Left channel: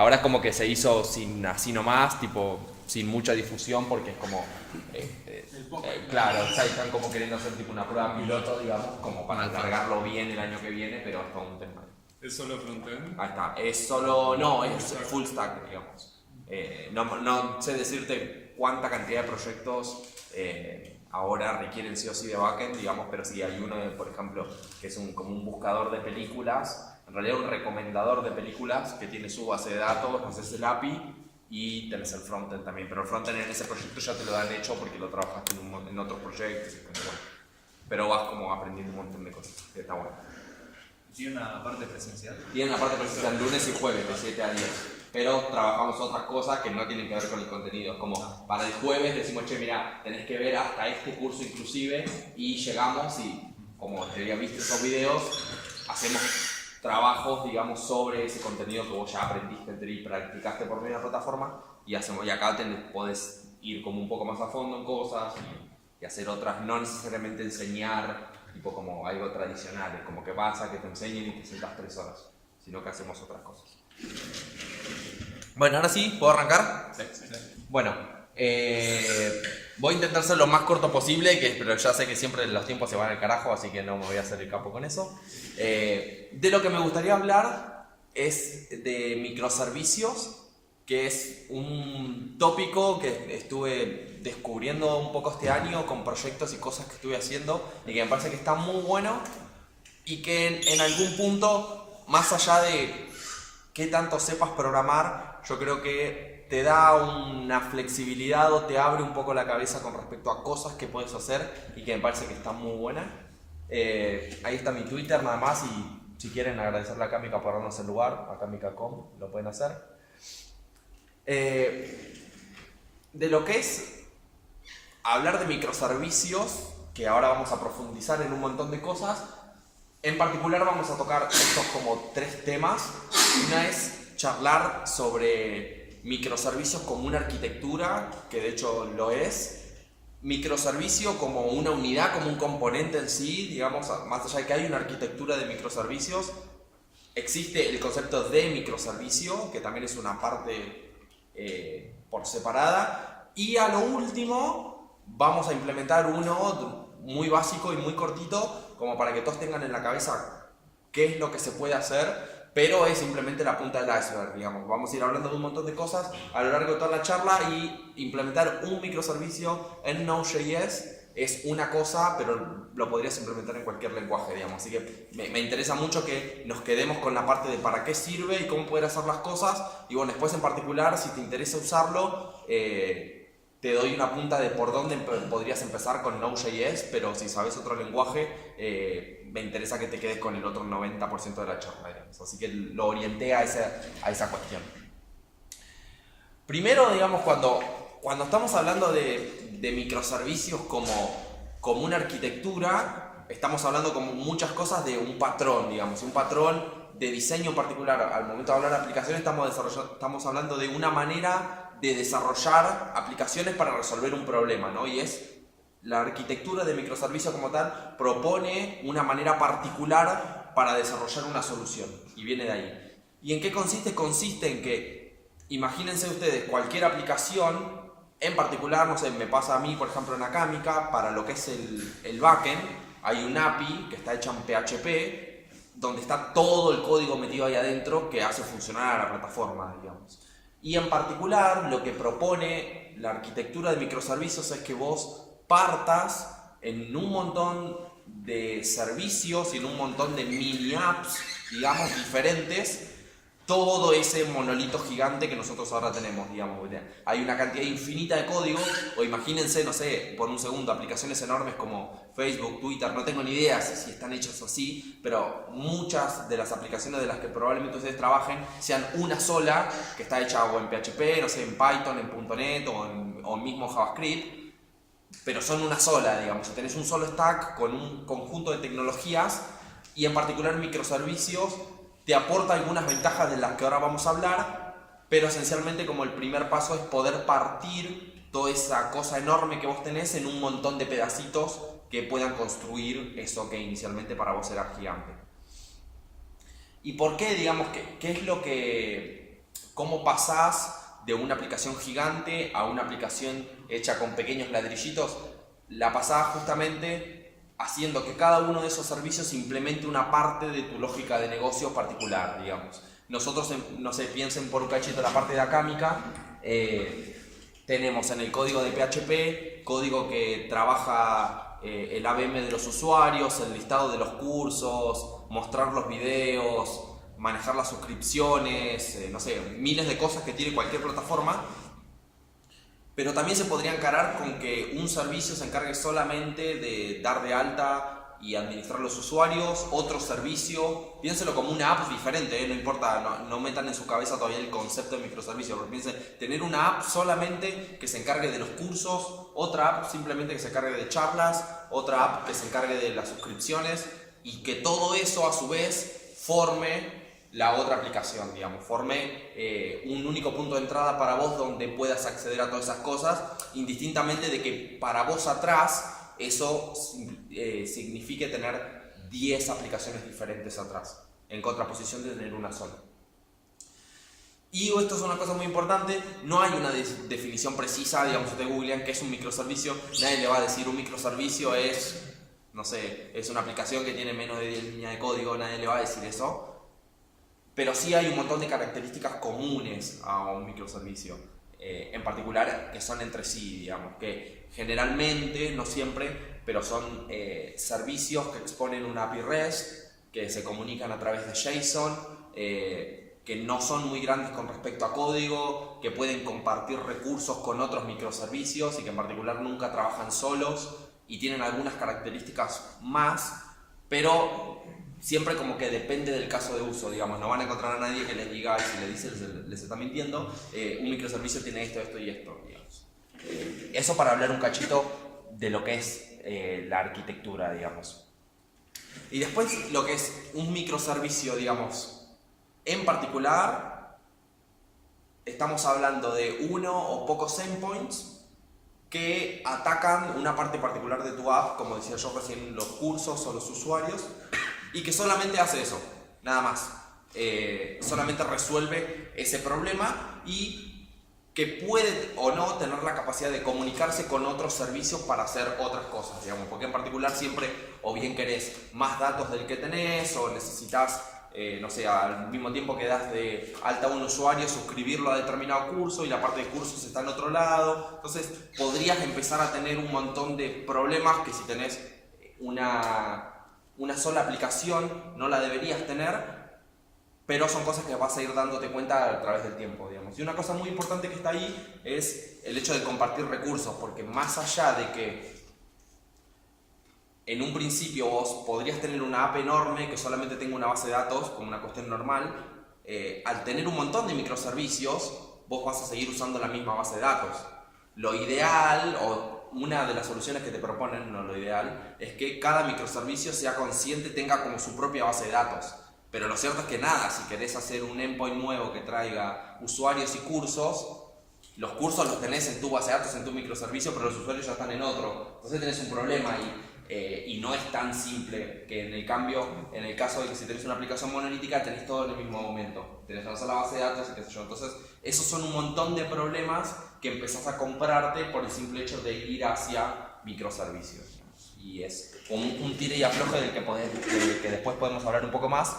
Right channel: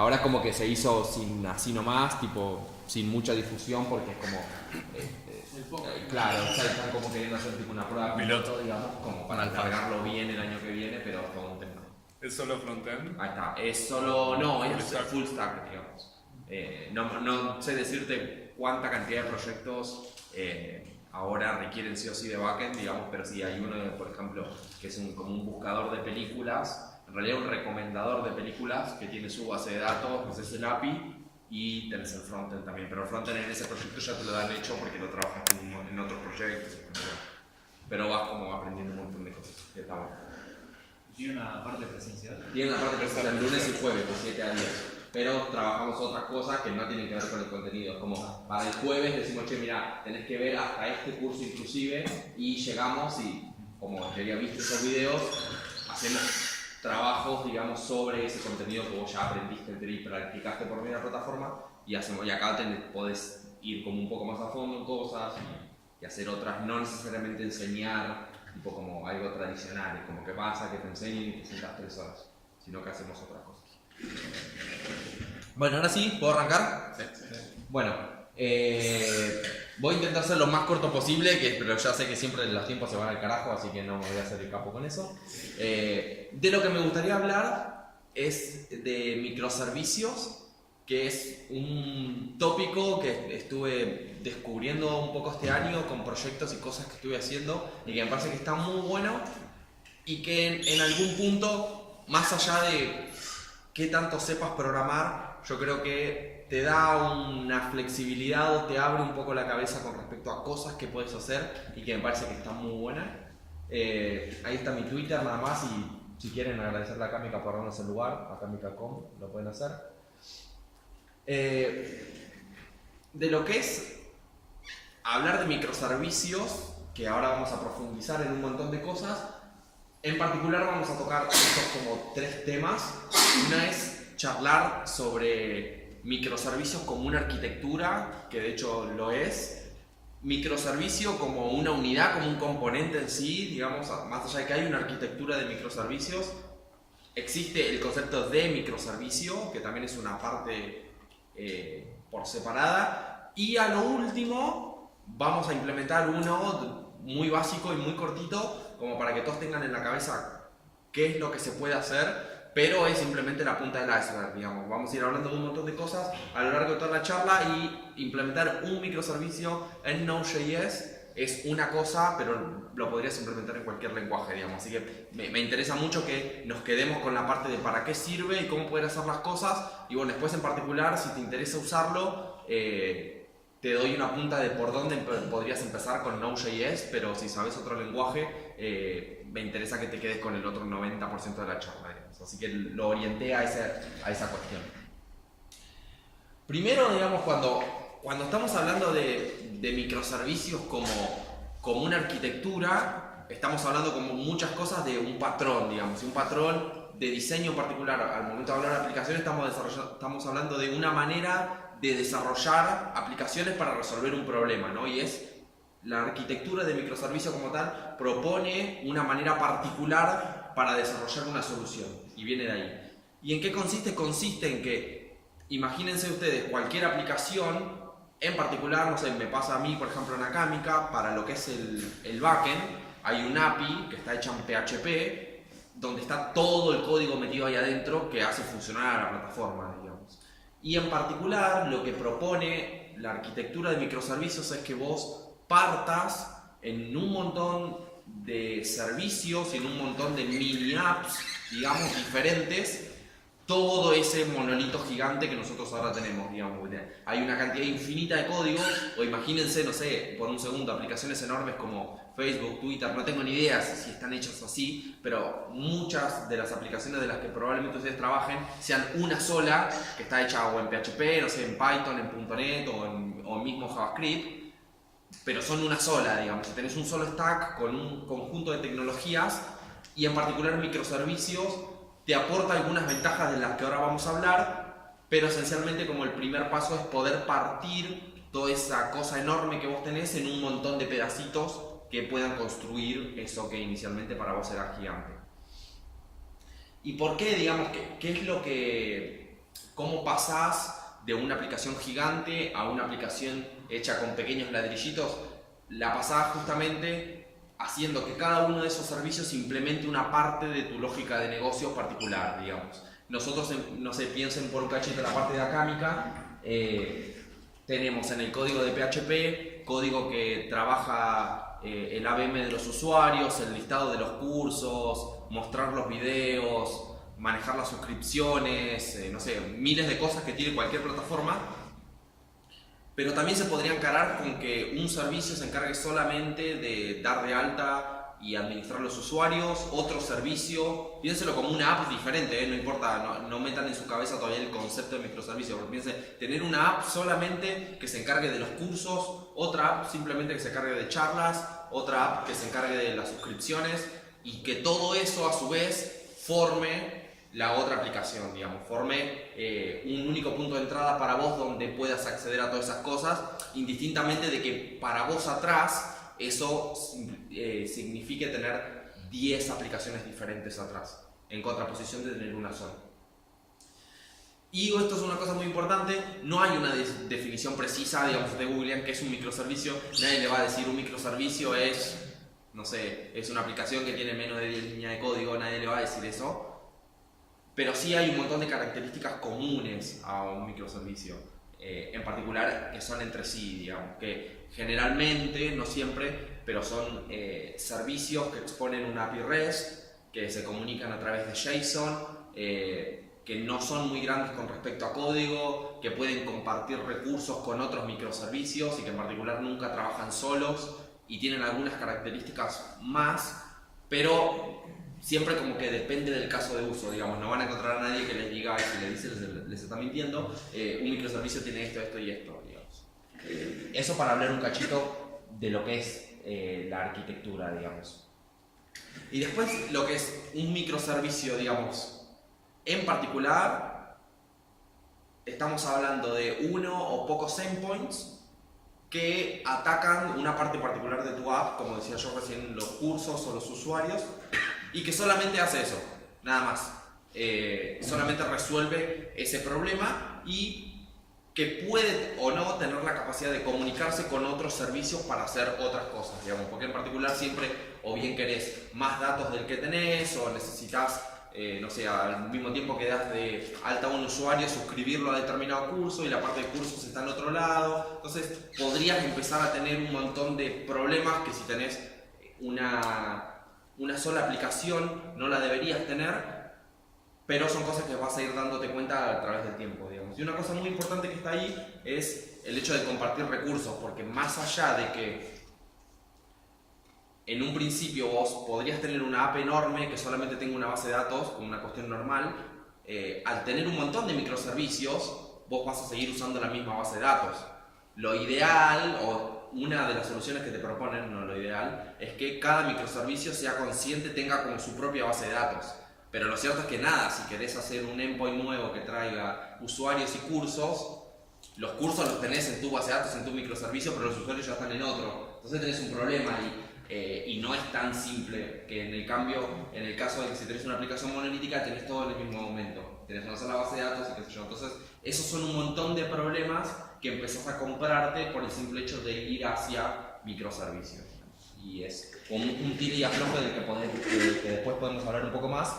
Ahora es como que se hizo sin así nomás, tipo, sin mucha difusión, porque es como... claro, o sea, están como queriendo hacer tipo una prueba piloto, digamos, como para cargarlo bien el año que viene, pero es todo un tema. ¿Es solo frontend? Ahí está, es solo... No, es full stack, digamos. No sé decirte cuánta cantidad de proyectos ahora requieren sí o sí de backend, digamos, pero sí hay uno, por ejemplo, que es como un buscador de películas, en realidad un recomendador de películas que tiene su base de datos, pues es el API, y tenés el frontend también, pero el frontend en ese proyecto ya te lo dan hecho porque lo trabajaste en otros proyectos, pero vas como aprendiendo un montón de cosas, que está bueno. ¿Tiene una parte presencial? Tiene una parte presencial lunes y jueves de 7 a 10, pero trabajamos otras cosas que no tienen que ver con el contenido, como para el jueves decimos, che, mira, tenés que ver hasta este curso inclusive, y llegamos y como ya había visto esos videos, hacemos trabajos, digamos, sobre ese contenido que vos ya aprendiste y practicaste por medio de la plataforma, y acá podés ir como un poco más a fondo en cosas y hacer otras, no necesariamente enseñar tipo como algo tradicional, como que pasa, que te enseñen y te sientas 3 horas, sino que hacemos otras cosas. Bueno, ahora sí, ¿puedo arrancar? Sí. Bueno, voy a intentar ser lo más corto posible, pero ya sé que siempre los tiempos se van al carajo, así que no me voy a hacer el capo con eso. De lo que me gustaría hablar es de microservicios, que es un tópico que estuve descubriendo un poco este año con proyectos y cosas que estuve haciendo y que me parece que está muy bueno y que en algún punto, más allá de qué tanto sepas programar, yo creo que te da una flexibilidad o te abre un poco la cabeza con respecto a cosas que puedes hacer y que me parece que está muy buena. Ahí está mi Twitter nada más, y si quieren agradecerle a Kamika por darnos el lugar, a Kamika.com, lo pueden hacer. De lo que es hablar de microservicios, que ahora vamos a profundizar en un montón de cosas, en particular vamos a tocar estos como 3 temas. Una es charlar sobre microservicios como una arquitectura, que de hecho lo es, microservicio como una unidad, como un componente en sí, digamos, más allá de que hay una arquitectura de microservicios, existe el concepto de microservicio, que también es una parte por separada, y a lo último vamos a implementar uno muy básico y muy cortito, como para que todos tengan en la cabeza qué es lo que se puede hacer, pero es simplemente la punta del iceberg, digamos. Vamos a ir hablando de un montón de cosas a lo largo de toda la charla, y implementar un microservicio en Node.js es una cosa, pero lo podrías implementar en cualquier lenguaje, digamos. Así que me interesa mucho que nos quedemos con la parte de para qué sirve y cómo poder hacer las cosas, y bueno, después en particular, si te interesa usarlo, te doy una punta de por dónde podrías empezar con Node.js, pero si sabes otro lenguaje, me interesa que te quedes con el otro 90% de la charla, digamos. Así que lo orienté a esa cuestión. Primero, digamos, cuando estamos hablando de microservicios como una arquitectura, estamos hablando como muchas cosas de un patrón, digamos, un patrón de diseño particular. Al momento de hablar de aplicaciones estamos hablando de una manera de desarrollar aplicaciones para resolver un problema, ¿no? Y es la arquitectura de microservicio como tal propone una manera particular para desarrollar una solución, y viene de ahí. ¿Y en qué consiste? Consiste en que, imagínense ustedes, cualquier aplicación, en particular, no sé, me pasa a mí, por ejemplo, en Akámica, para lo que es el backend, hay un API que está hecha en PHP, donde está todo el código metido ahí adentro que hace funcionar a la plataforma, digamos. Y en particular, lo que propone la arquitectura de microservicios es que vos partas en un montón de servicios y en un montón de mini apps, digamos, diferentes, todo ese monolito gigante que nosotros ahora tenemos, digamos. Hay una cantidad infinita de código, o imagínense, no sé, por un segundo, aplicaciones enormes como Facebook, Twitter, no tengo ni idea si están hechas así, pero muchas de las aplicaciones de las que probablemente ustedes trabajen sean una sola, que está hecha o en PHP, no sé, en Python, en .NET o en mismo JavaScript, pero son una sola, digamos. Si tenés un solo stack con un conjunto de tecnologías, y en particular microservicios, te aporta algunas ventajas de las que ahora vamos a hablar, pero esencialmente como el primer paso es poder partir toda esa cosa enorme que vos tenés en un montón de pedacitos que puedan construir eso que inicialmente para vos era gigante. ¿Y por qué, digamos, qué es lo que ¿Cómo pasás de una aplicación gigante a una aplicación hecha con pequeños ladrillitos? La pasás justamente haciendo que cada uno de esos servicios implemente una parte de tu lógica de negocio particular, digamos. Nosotros, no sé, piensen por un cachito la parte de Acámica, tenemos en el código de PHP, código que trabaja el ABM de los usuarios, el listado de los cursos, mostrar los videos, manejar las suscripciones, no sé, miles de cosas que tiene cualquier plataforma. Pero también se podría encarar con que un servicio se encargue solamente de dar de alta y administrar los usuarios, otro servicio, piénselo como una app diferente, no importa, no metan en su cabeza todavía el concepto de microservicio, porque piensen, tener una app solamente que se encargue de los cursos, otra app simplemente que se encargue de charlas, otra app que se encargue de las suscripciones, y que todo eso a su vez forme la otra aplicación, digamos, forme un único punto de entrada para vos donde puedas acceder a todas esas cosas, indistintamente de que para vos atrás eso signifique tener 10 aplicaciones diferentes atrás, en contraposición de tener una sola. Y esto es una cosa muy importante, no hay una definición precisa, digamos, de Google, que es un microservicio. Nadie le va a decir un microservicio es, no sé, es una aplicación que tiene menos de 10 líneas de código, nadie le va a decir eso. Pero sí hay un montón de características comunes a un microservicio, en particular que son entre sí, digamos, que generalmente, no siempre, pero son servicios que exponen una API REST, que se comunican a través de JSON, que no son muy grandes con respecto a código, que pueden compartir recursos con otros microservicios y que en particular nunca trabajan solos y tienen algunas características más, pero siempre como que depende del caso de uso, digamos, no van a encontrar a nadie que les diga, si les dice les está mintiendo, un microservicio tiene esto, esto y esto, digamos. Eso para hablar un cachito de lo que es la arquitectura, digamos. Y después lo que es un microservicio, digamos, en particular, estamos hablando de uno o pocos endpoints que atacan una parte particular de tu app, como decía yo recién, los cursos o los usuarios, y que solamente hace eso, nada más. Solamente resuelve ese problema y que puede o no tener la capacidad de comunicarse con otros servicios para hacer otras cosas, digamos, porque en particular siempre o bien querés más datos del que tenés o necesitas, no sé, al mismo tiempo que das de alta a un usuario, suscribirlo a determinado curso y la parte de cursos está en otro lado. Entonces podrías empezar a tener un montón de problemas que si tenés una sola aplicación no la deberías tener, pero son cosas que vas a ir dándote cuenta a través del tiempo, digamos. Y una cosa muy importante que está ahí es el hecho de compartir recursos, porque más allá de que en un principio vos podrías tener una app enorme que solamente tenga una base de datos como una cuestión normal, al tener un montón de microservicios vos vas a seguir usando la misma base de datos. Lo ideal, o una de las soluciones que te proponen, no lo ideal, es que cada microservicio sea consciente, tenga como su propia base de datos. Pero lo cierto es que nada, si querés hacer un endpoint nuevo que traiga usuarios y cursos, los cursos los tenés en tu base de datos, en tu microservicio, pero los usuarios ya están en otro. Entonces tenés un problema ahí, y no es tan simple que en el caso de que si tenés una aplicación monolítica tenés todo en el mismo momento. Tenés una sola base de datos y qué sé yo. Entonces esos son un montón de problemas que empezás a comprarte por el simple hecho de ir hacia microservicios. Y es un tire y afloje del que después podemos hablar un poco más.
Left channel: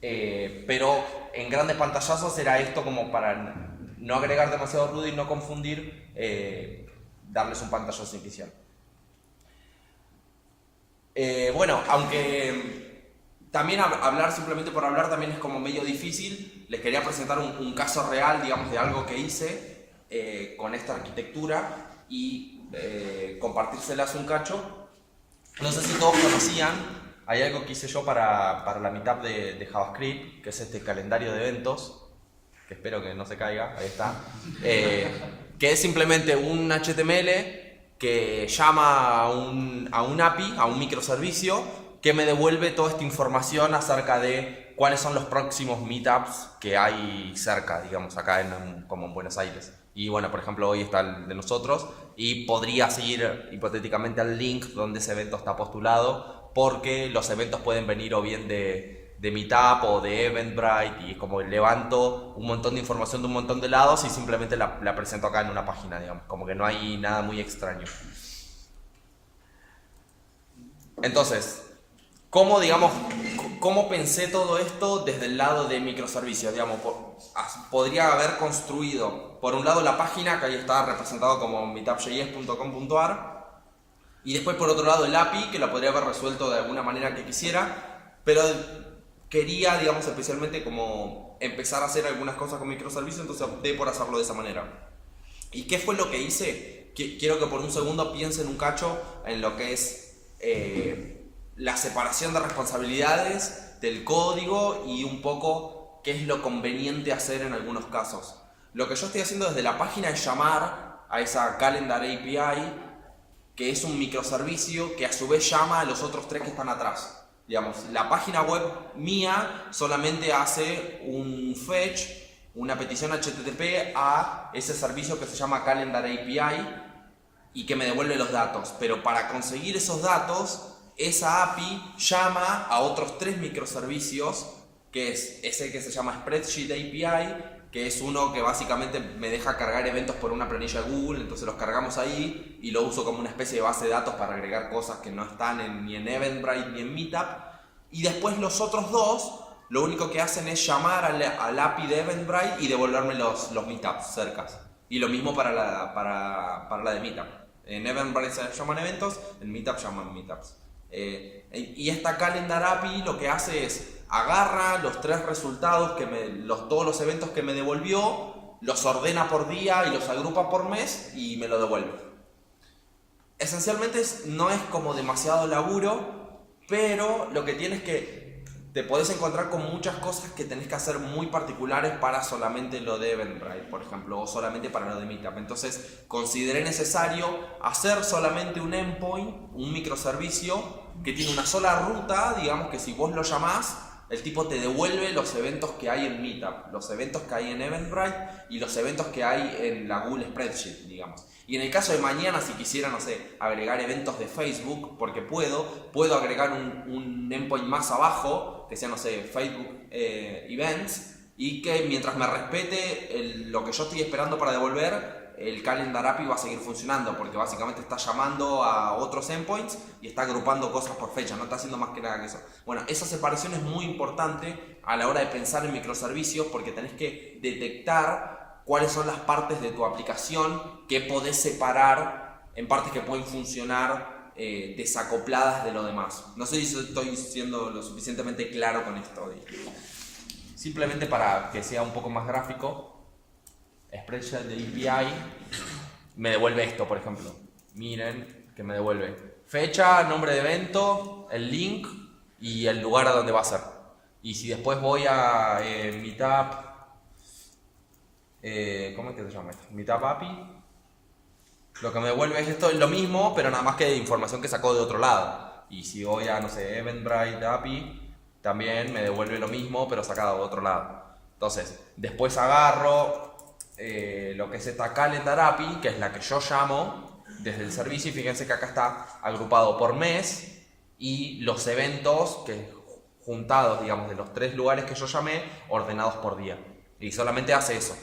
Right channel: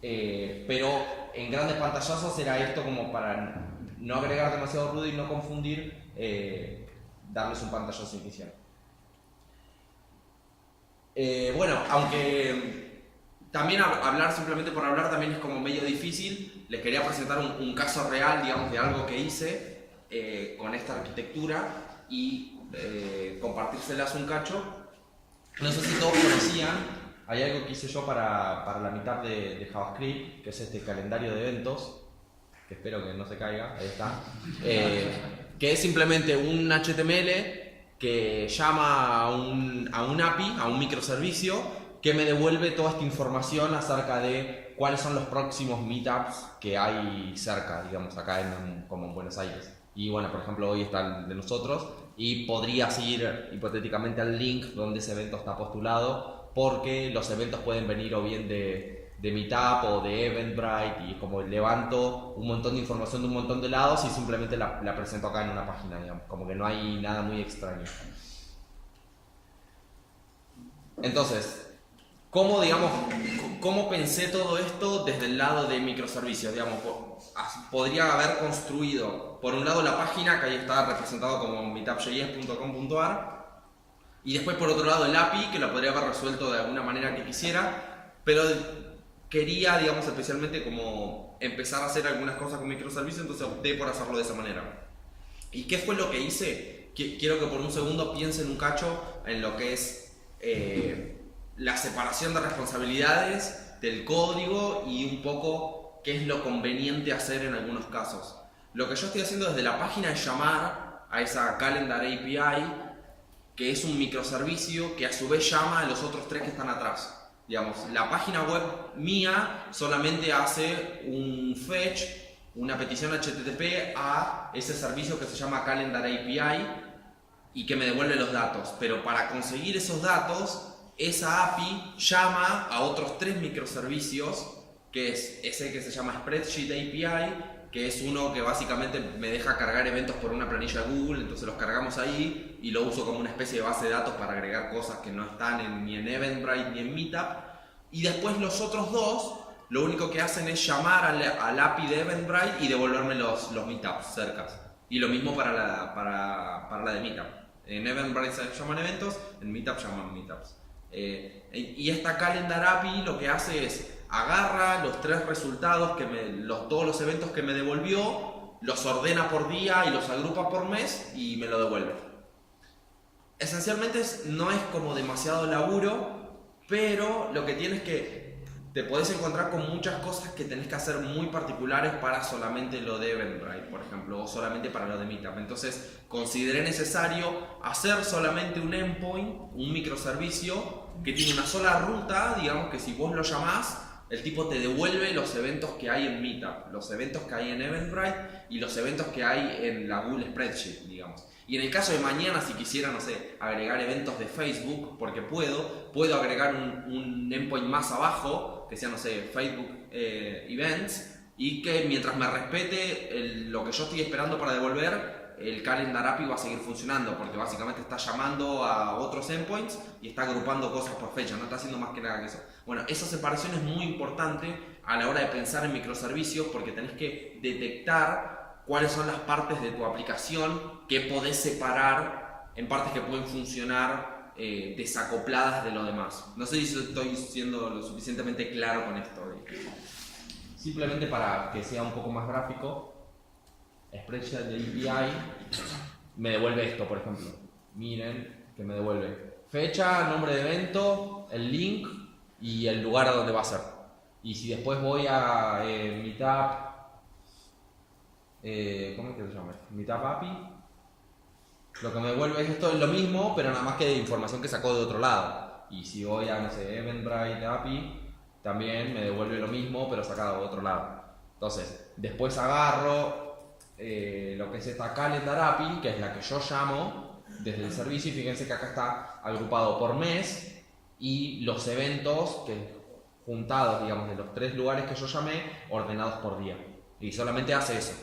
Pero en grandes pantallazos era esto como para no agregar demasiado ruido y no confundir, darles un pantallazo inicial. Bueno, aunque también hablar simplemente por hablar también es como medio difícil, les quería presentar un caso real, digamos, de algo que hice con esta arquitectura y compartírselas un cacho. No sé si todos conocían, hay algo que hice yo para la meetup de JavaScript, que es este calendario de eventos, que espero que no se caiga, ahí está, que es simplemente un HTML que llama a un API, a un microservicio, que me devuelve toda esta información acerca de cuáles son los próximos meetups que hay cerca, digamos, acá como en Buenos Aires. Y bueno, por ejemplo, hoy está el de nosotros y podrías ir hipotéticamente al link donde ese evento está postulado, porque los eventos pueden venir o bien de de Meetup o de Eventbrite y como levanto un montón de información de un montón de lados y simplemente la presento acá en una página, digamos, como que no hay nada muy extraño. Entonces, ¿cómo pensé todo esto desde el lado de microservicios? Digamos, podría haber construido, por un lado, la página, que ahí está representado como meetupjs.com.ar, y después, por otro lado, el API, que la podría haber resuelto de alguna manera que quisiera, pero quería, digamos, especialmente como empezar a hacer algunas cosas con microservicios, entonces opté por hacerlo de esa manera. ¿Y qué fue lo que hice? Quiero que por un segundo piensen un cacho en lo que es la separación de responsabilidades del código y un poco qué es lo conveniente hacer en algunos casos. Lo que yo estoy haciendo desde la página es llamar a esa Calendar API, que es un microservicio que a su vez llama a los otros tres que están atrás. Digamos, la página web mía solamente hace un fetch, una petición HTTP a ese servicio que se llama Calendar API y que me devuelve los datos. Pero para conseguir esos datos, esa API llama a otros tres microservicios, que es ese que se llama Spreadsheet API, que es uno que básicamente me deja cargar eventos por una planilla de Google, entonces los cargamos ahí y lo uso como una especie de base de datos para agregar cosas que no están ni en Eventbrite ni en Meetup. Y después los otros dos, lo único que hacen es llamar al API de Eventbrite y devolverme los Meetups cercas. Y lo mismo para la de Meetup. En Eventbrite se llaman eventos, en Meetup llaman Meetups. Y esta Calendar API lo que hace es agarra los tres resultados, todos los eventos que me devolvió, los ordena por día y los agrupa por mes y me lo devuelve. Esencialmente no es como demasiado laburo, pero lo que tienes que te podés encontrar con muchas cosas que tenés que hacer muy particulares para solamente lo de Eventbrite, por ejemplo, o solamente para lo de Meetup. Entonces consideré necesario hacer solamente un endpoint, un microservicio que tiene una sola ruta, digamos que si vos lo llamás, el tipo te devuelve los eventos que hay en Meetup, los eventos que hay en Eventbrite y los eventos que hay en la Google Spreadsheet, digamos. Y en el caso de mañana, si quisiera, no sé, agregar eventos de Facebook, porque puedo agregar un endpoint más abajo, que sea, no sé, Facebook Events, y que mientras me respete lo que yo estoy esperando para devolver, el Calendar API va a seguir funcionando, porque básicamente está llamando a otros endpoints y está agrupando cosas por fecha, no está haciendo más que nada que eso. Bueno, esa separación es muy importante a la hora de pensar en microservicios, porque tenés que detectar cuáles son las partes de tu aplicación que podés separar en partes que pueden funcionar desacopladas de lo demás. No sé si estoy siendo lo suficientemente claro con esto. Simplemente para que sea un poco más gráfico, Spreadsheet de API me devuelve esto, por ejemplo. Miren que me devuelve fecha, nombre de evento, el link y el lugar a donde va a ser. Y si después voy a Meetup, ¿cómo es que se llama esto? Meetup API, lo que me devuelve es esto, es lo mismo, pero nada más que de información que sacó de otro lado. Y si voy a, no sé, Eventbrite API, también me devuelve lo mismo, pero sacado de otro lado. Entonces, después agarro lo que es esta Calendar API, que es la que yo llamo desde el servicio, y fíjense que acá está agrupado por mes y los eventos que juntados, digamos, de los tres lugares que yo llamé, ordenados por día. Y solamente hace eso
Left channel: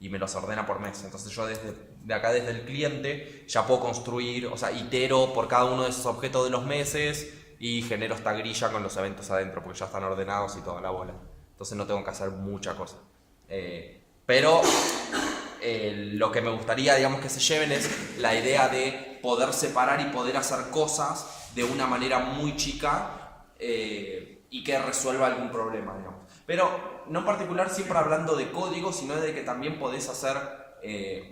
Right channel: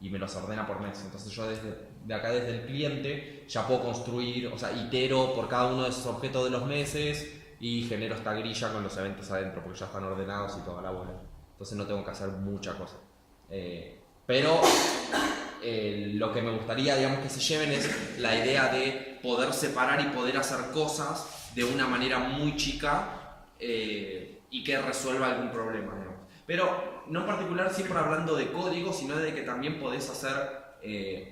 y me los ordena por mes. Entonces yo de acá, desde el cliente, ya puedo construir, o sea, itero por cada uno de esos objetos de los meses y genero esta grilla con los eventos adentro, porque ya están ordenados y toda la bola. Entonces no tengo que hacer mucha cosa. Pero lo que me gustaría, digamos, que se lleven es la idea de poder separar y poder hacer cosas de una manera muy chica y que resuelva algún problema, digamos. Pero no en particular siempre hablando de código, sino de que también podés hacer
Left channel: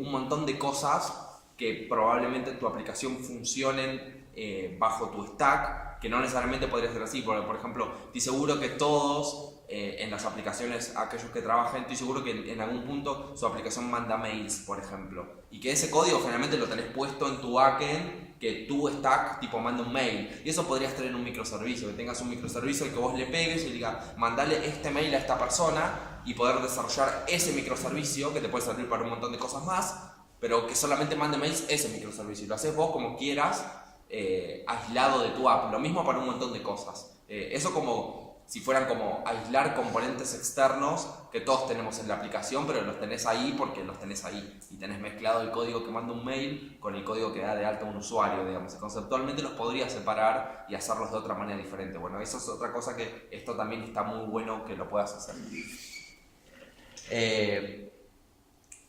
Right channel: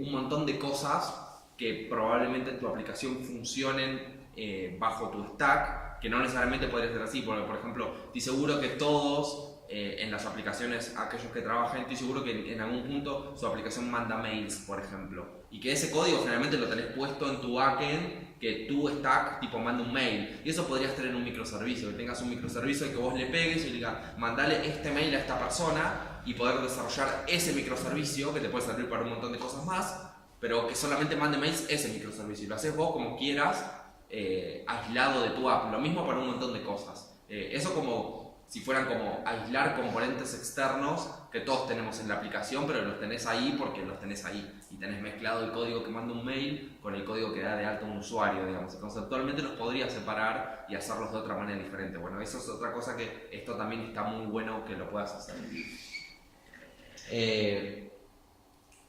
un montón de cosas que probablemente en tu aplicación funcionen bajo tu stack, que no necesariamente podría ser así, porque por ejemplo, estoy seguro que todos en las aplicaciones, aquellos que trabajan, estoy seguro que en algún punto su aplicación manda mails, por ejemplo, y que ese código generalmente lo tenés puesto en tu backend, que tu stack tipo manda un mail, y eso podrías tener un microservicio, que tengas un microservicio al que vos le pegues y le digas, mandale este mail a esta persona, y poder desarrollar ese microservicio que te puede servir para un montón de cosas más, pero que solamente mande mails ese microservicio, y lo haces vos como quieras, aislado de tu app. Lo mismo para un montón de cosas. Eso como si fueran como aislar componentes externos que todos tenemos en la aplicación, pero los tenés ahí porque los tenés ahí. Y tenés mezclado el código que manda un mail con el código que da de alta un usuario, digamos. Y conceptualmente los podrías separar y hacerlos de otra manera diferente. Bueno, eso es otra cosa que esto también está muy bueno que lo puedas hacer.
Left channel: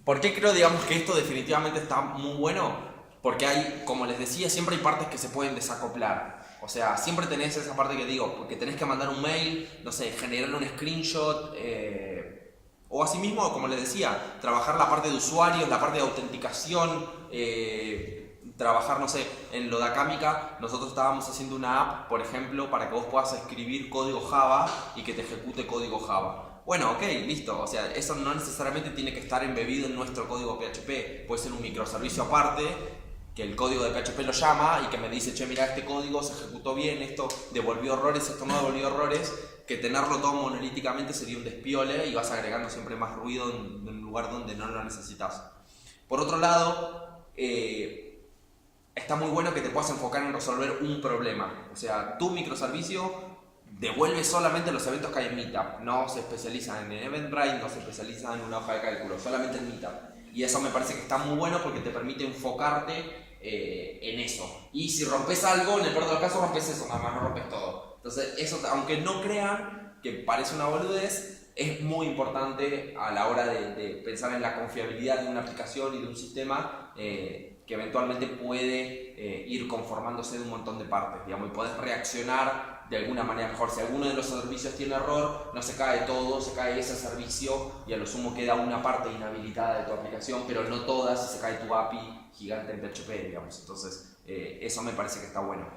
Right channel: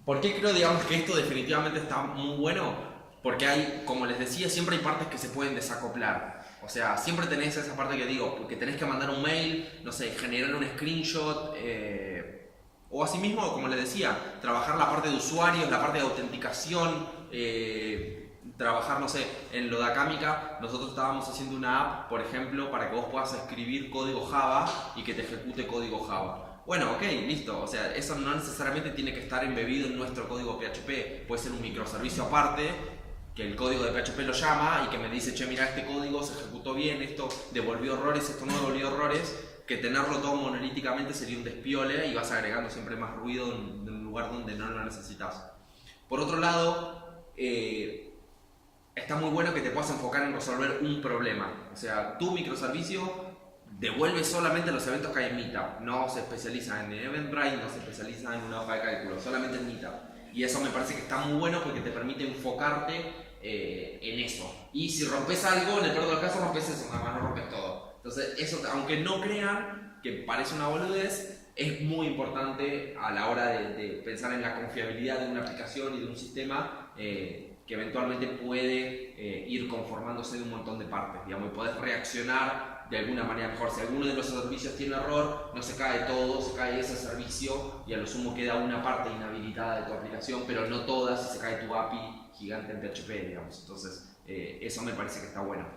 ¿Por qué creo, digamos, que esto definitivamente está muy bueno? Porque hay, como les decía, siempre hay partes que se pueden desacoplar. O sea, siempre tenés esa parte que digo, porque tenés que mandar un mail, no sé, generar un screenshot, o asimismo, como les decía, trabajar la parte de usuarios, la parte de autenticación, trabajar, no sé, en lo de Acámica, nosotros estábamos haciendo una app, por ejemplo, para que vos puedas escribir código Java y que te ejecute código Java. Bueno, ok, listo, o sea, eso no necesariamente tiene que estar embebido en nuestro código PHP, puede ser un microservicio aparte, que el código de PHP lo llama y que me dice, che, mira, este código se ejecutó bien, esto devolvió errores, esto no devolvió errores, que tenerlo todo monolíticamente sería un despiole y vas agregando siempre más ruido en un lugar donde no lo necesitas. Por otro lado, está muy bueno que te puedas enfocar en resolver un problema. O sea, tu microservicio devuelve solamente los eventos que hay en Meetup, no se especializa en Eventbrite, no se especializa en una hoja de cálculo, solamente en Meetup. Y eso me parece que está muy bueno porque te permite enfocarte en eso. Y si rompes algo, en el peor de los casos rompes eso, nada más no rompes todo. Entonces, eso, aunque no crean que parece una boludez, es muy importante a la hora de pensar en la confiabilidad de una aplicación y de un sistema que eventualmente puede ir conformándose de un montón de partes, digamos, y podés reaccionar de alguna manera mejor. Si alguno de los servicios tiene error, no se cae todo, se cae ese servicio y a lo sumo queda una parte inhabilitada de tu aplicación, pero no todas, y se cae tu API gigante en PHP, digamos. Entonces, eso me parece que está bueno.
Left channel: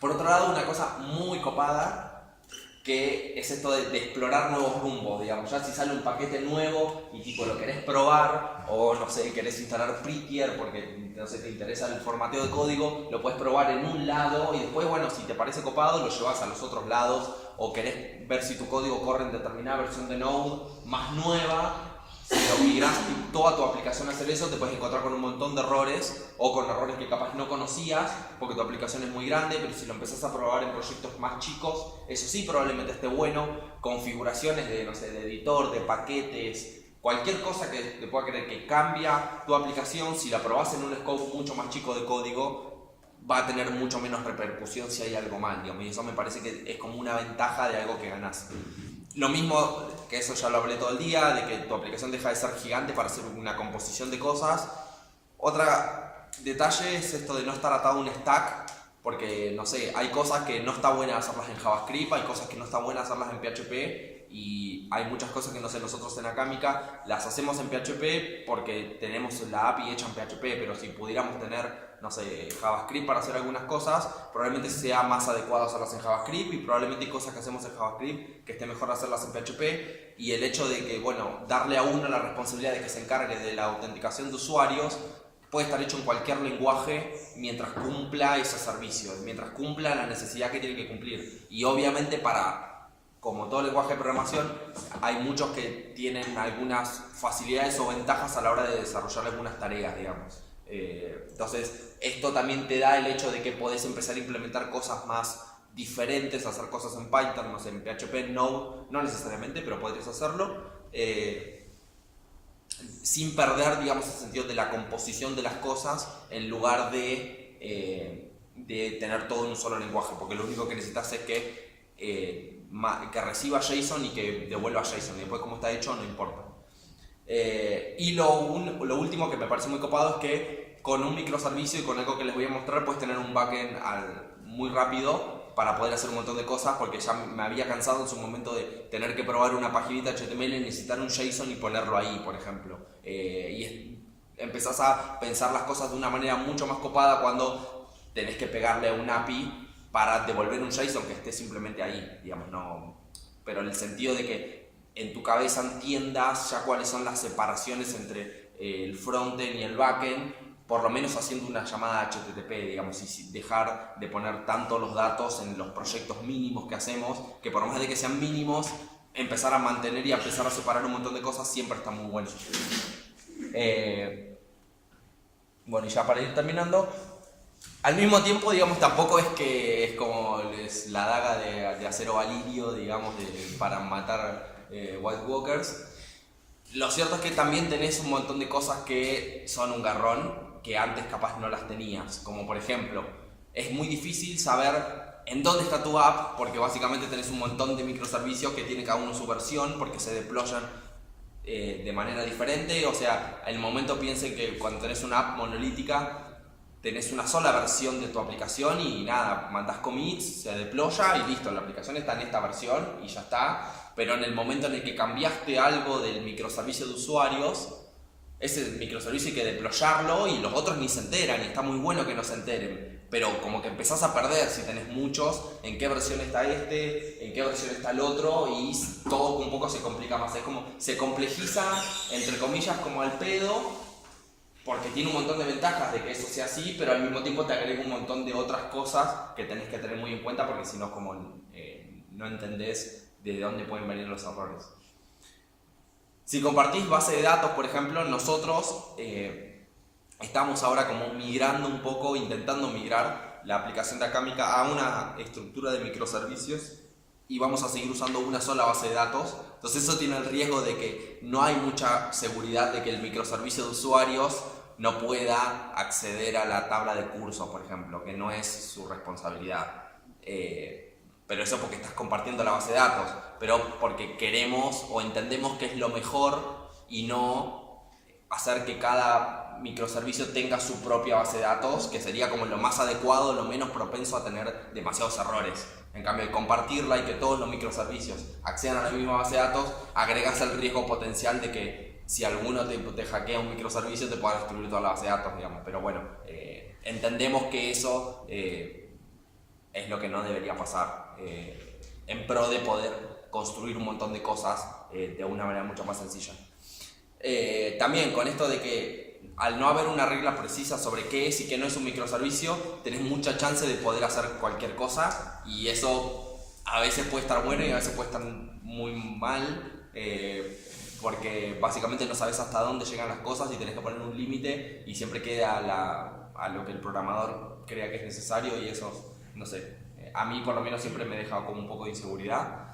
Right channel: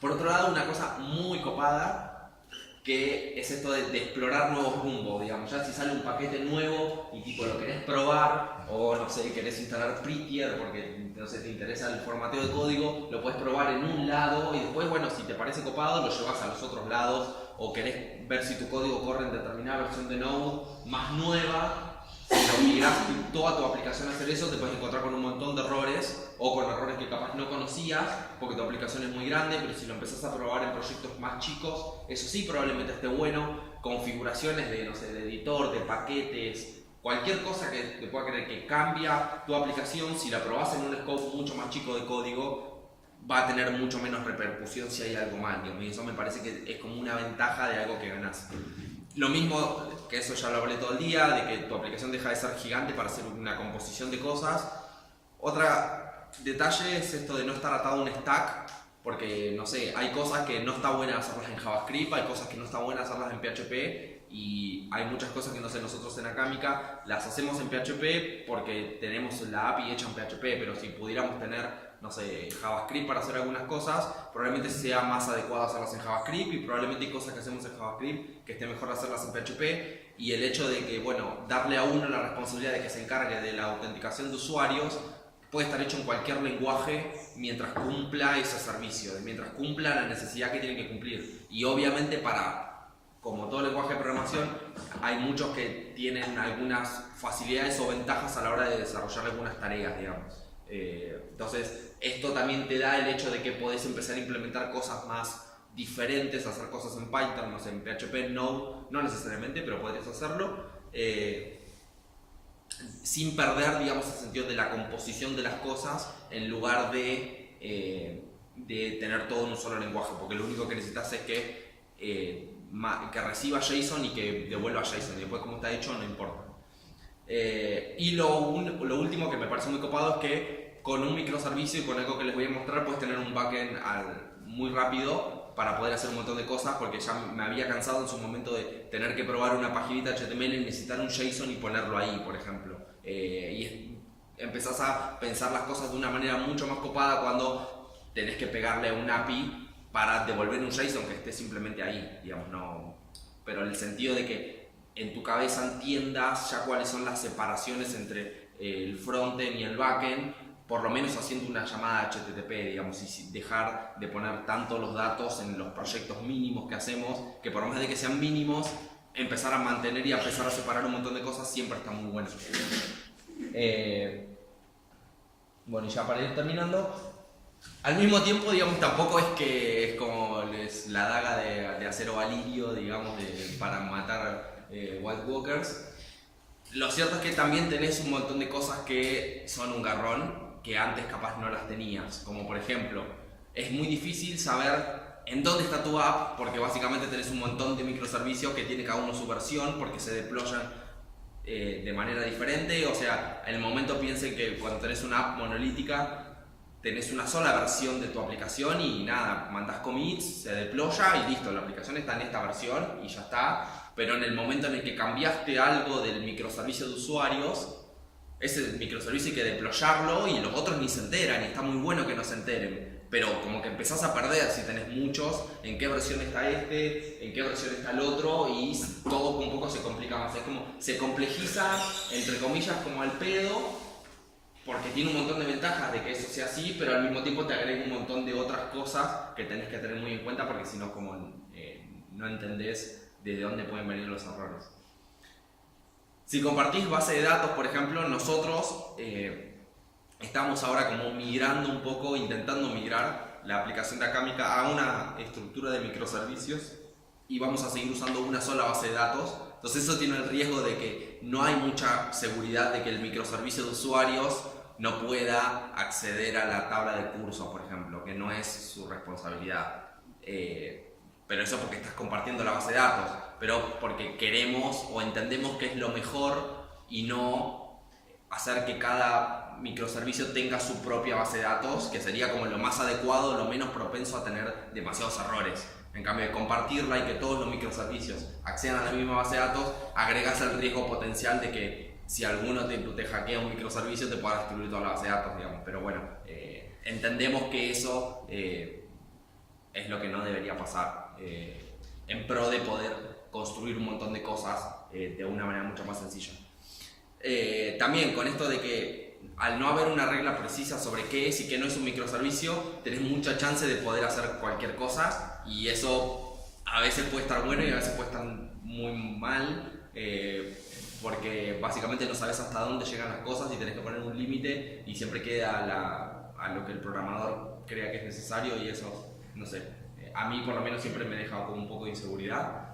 Por otro lado, una cosa muy copada, que es esto de explorar nuevos rumbos, digamos. Ya si sale un paquete nuevo y tipo lo querés probar, o no sé, querés instalar Prettier porque no sé, te interesa el formateo de código, lo puedes probar en un lado y después, bueno, si te parece copado, lo llevas a los otros lados, o querés ver si tu código corre en determinada versión de Node más nueva. Si lo migras toda tu aplicación a hacer eso, te puedes encontrar con un montón de errores o con errores que capaz no conocías porque tu aplicación es muy grande, pero si lo empezás a probar en proyectos más chicos, eso sí probablemente esté bueno. Configuraciones de, no sé, de editor, de paquetes, cualquier cosa que te pueda creer que cambia tu aplicación, si la probás en un scope mucho más chico de código, va a tener mucho menos repercusión si hay algo mal, digamos, y eso me parece que es como una ventaja de algo que ganás. Lo mismo, que eso ya lo hablé todo el día, de que tu aplicación deja de ser gigante para hacer una composición de cosas. Otro detalle es esto de no estar atado a un stack, porque, no sé, hay cosas que no está buena hacerlas en JavaScript, hay cosas que no está buena hacerlas en PHP, y hay muchas cosas que, no sé, nosotros en Acámica las hacemos en PHP porque tenemos la API hecha en PHP, pero si pudiéramos tener, no sé, JavaScript para hacer algunas cosas, probablemente sea más adecuado hacerlas en JavaScript, y probablemente hay cosas que hacemos en JavaScript que esté mejor hacerlas en PHP, y el hecho de que, bueno, darle a uno la responsabilidad de que se encargue de la autenticación de usuarios puede estar hecho en cualquier lenguaje mientras cumpla ese servicio, mientras cumpla la necesidad que tiene que cumplir. Y obviamente como todo lenguaje de programación, hay muchos que tienen algunas facilidades o ventajas a la hora de desarrollar algunas tareas, digamos. Entonces, esto también te da el hecho de que podés empezar a implementar cosas más diferentes, hacer cosas en Python, no sé, en PHP, en Node, no necesariamente, pero podrías hacerlo. Sin perder, digamos, el sentido de la composición de las cosas, en lugar de tener todo en un solo lenguaje, porque lo único que necesitas es que reciba JSON y que devuelva JSON, y después cómo está hecho no importa. Y lo último que me parece muy copado es que con un microservicio y con algo que les voy a mostrar puedes tener un backend muy rápido para poder hacer un montón de cosas, porque ya me había cansado en su momento de tener que probar una paginita HTML y necesitar un JSON y ponerlo ahí, por ejemplo. Y empezás a pensar las cosas de una manera mucho más copada cuando tenés que pegarle a un API para devolver un JSON que esté simplemente ahí, digamos, no. Pero en el sentido de que en tu cabeza entiendas ya cuáles son las separaciones entre el frontend y el backend, por lo menos haciendo una llamada HTTP, digamos, y dejar de poner tanto los datos en los proyectos mínimos que hacemos, que por más de que sean mínimos, empezar a mantener y a empezar a separar un montón de cosas siempre está muy bueno. Bueno, y ya para ir terminando, Al mismo tiempo, digamos, tampoco es que es como la daga de acero valirio, digamos, para matar White Walkers. Lo cierto es que también tenés un montón de cosas que son un garrón, que antes capaz no las tenías. Como por ejemplo, es muy difícil saber en dónde está tu app, porque básicamente tenés un montón de microservicios que tiene cada uno su versión, porque se deployan de manera diferente. O sea, en el momento piensen que cuando tenés una app monolítica, tenés una sola versión de tu aplicación y nada, mandás commits, se deploya y listo, la aplicación está en esta versión y ya está. Pero en el momento en el que cambiaste algo del microservicio de usuarios, ese microservicio hay que deployarlo y los otros ni se enteran, y está muy bueno que no se enteren. Pero como que empezás a perder si tenés muchos, en qué versión está este, en qué versión está el otro, y todo un poco se complica más. Es como, se complejiza, entre comillas, como al pedo, porque tiene un montón de ventajas de que eso sea así, pero al mismo tiempo te agrega un montón de otras cosas que tenés que tener muy en cuenta, porque si no, como no entendés de dónde pueden venir los errores. Si compartís base de datos, por ejemplo, nosotros estamos ahora como migrando un poco, intentando migrar la aplicación de Acámica a una estructura de microservicios y vamos a seguir usando una sola base de datos. Entonces eso tiene el riesgo de que no hay mucha seguridad de que el microservicio de usuarios no pueda acceder a la tabla de cursos, por ejemplo, que no es su responsabilidad. Pero eso porque estás compartiendo la base de datos, pero porque queremos o entendemos que es lo mejor y no hacer que cada microservicio tenga su propia base de datos, que sería como lo más adecuado, lo menos propenso a tener demasiados errores. En cambio, de compartirla y que todos los microservicios accedan a la misma base de datos, agregas el riesgo potencial de que si alguno te hackea un microservicio te pueda destruir toda la base de datos, digamos. Pero bueno, entendemos que eso es lo que no debería pasar, en pro de poder construir un montón de cosas de una manera mucho más sencilla. También con esto de que al no haber una regla precisa sobre qué es y qué no es un microservicio, tenés mucha chance de poder hacer cualquier cosa, y eso a veces puede estar bueno y a veces puede estar muy mal, porque básicamente no sabes hasta dónde llegan las cosas y tenés que poner un límite y siempre queda a lo que el programador crea que es necesario, y eso, no sé, a mí por lo menos siempre me deja como un poco de inseguridad.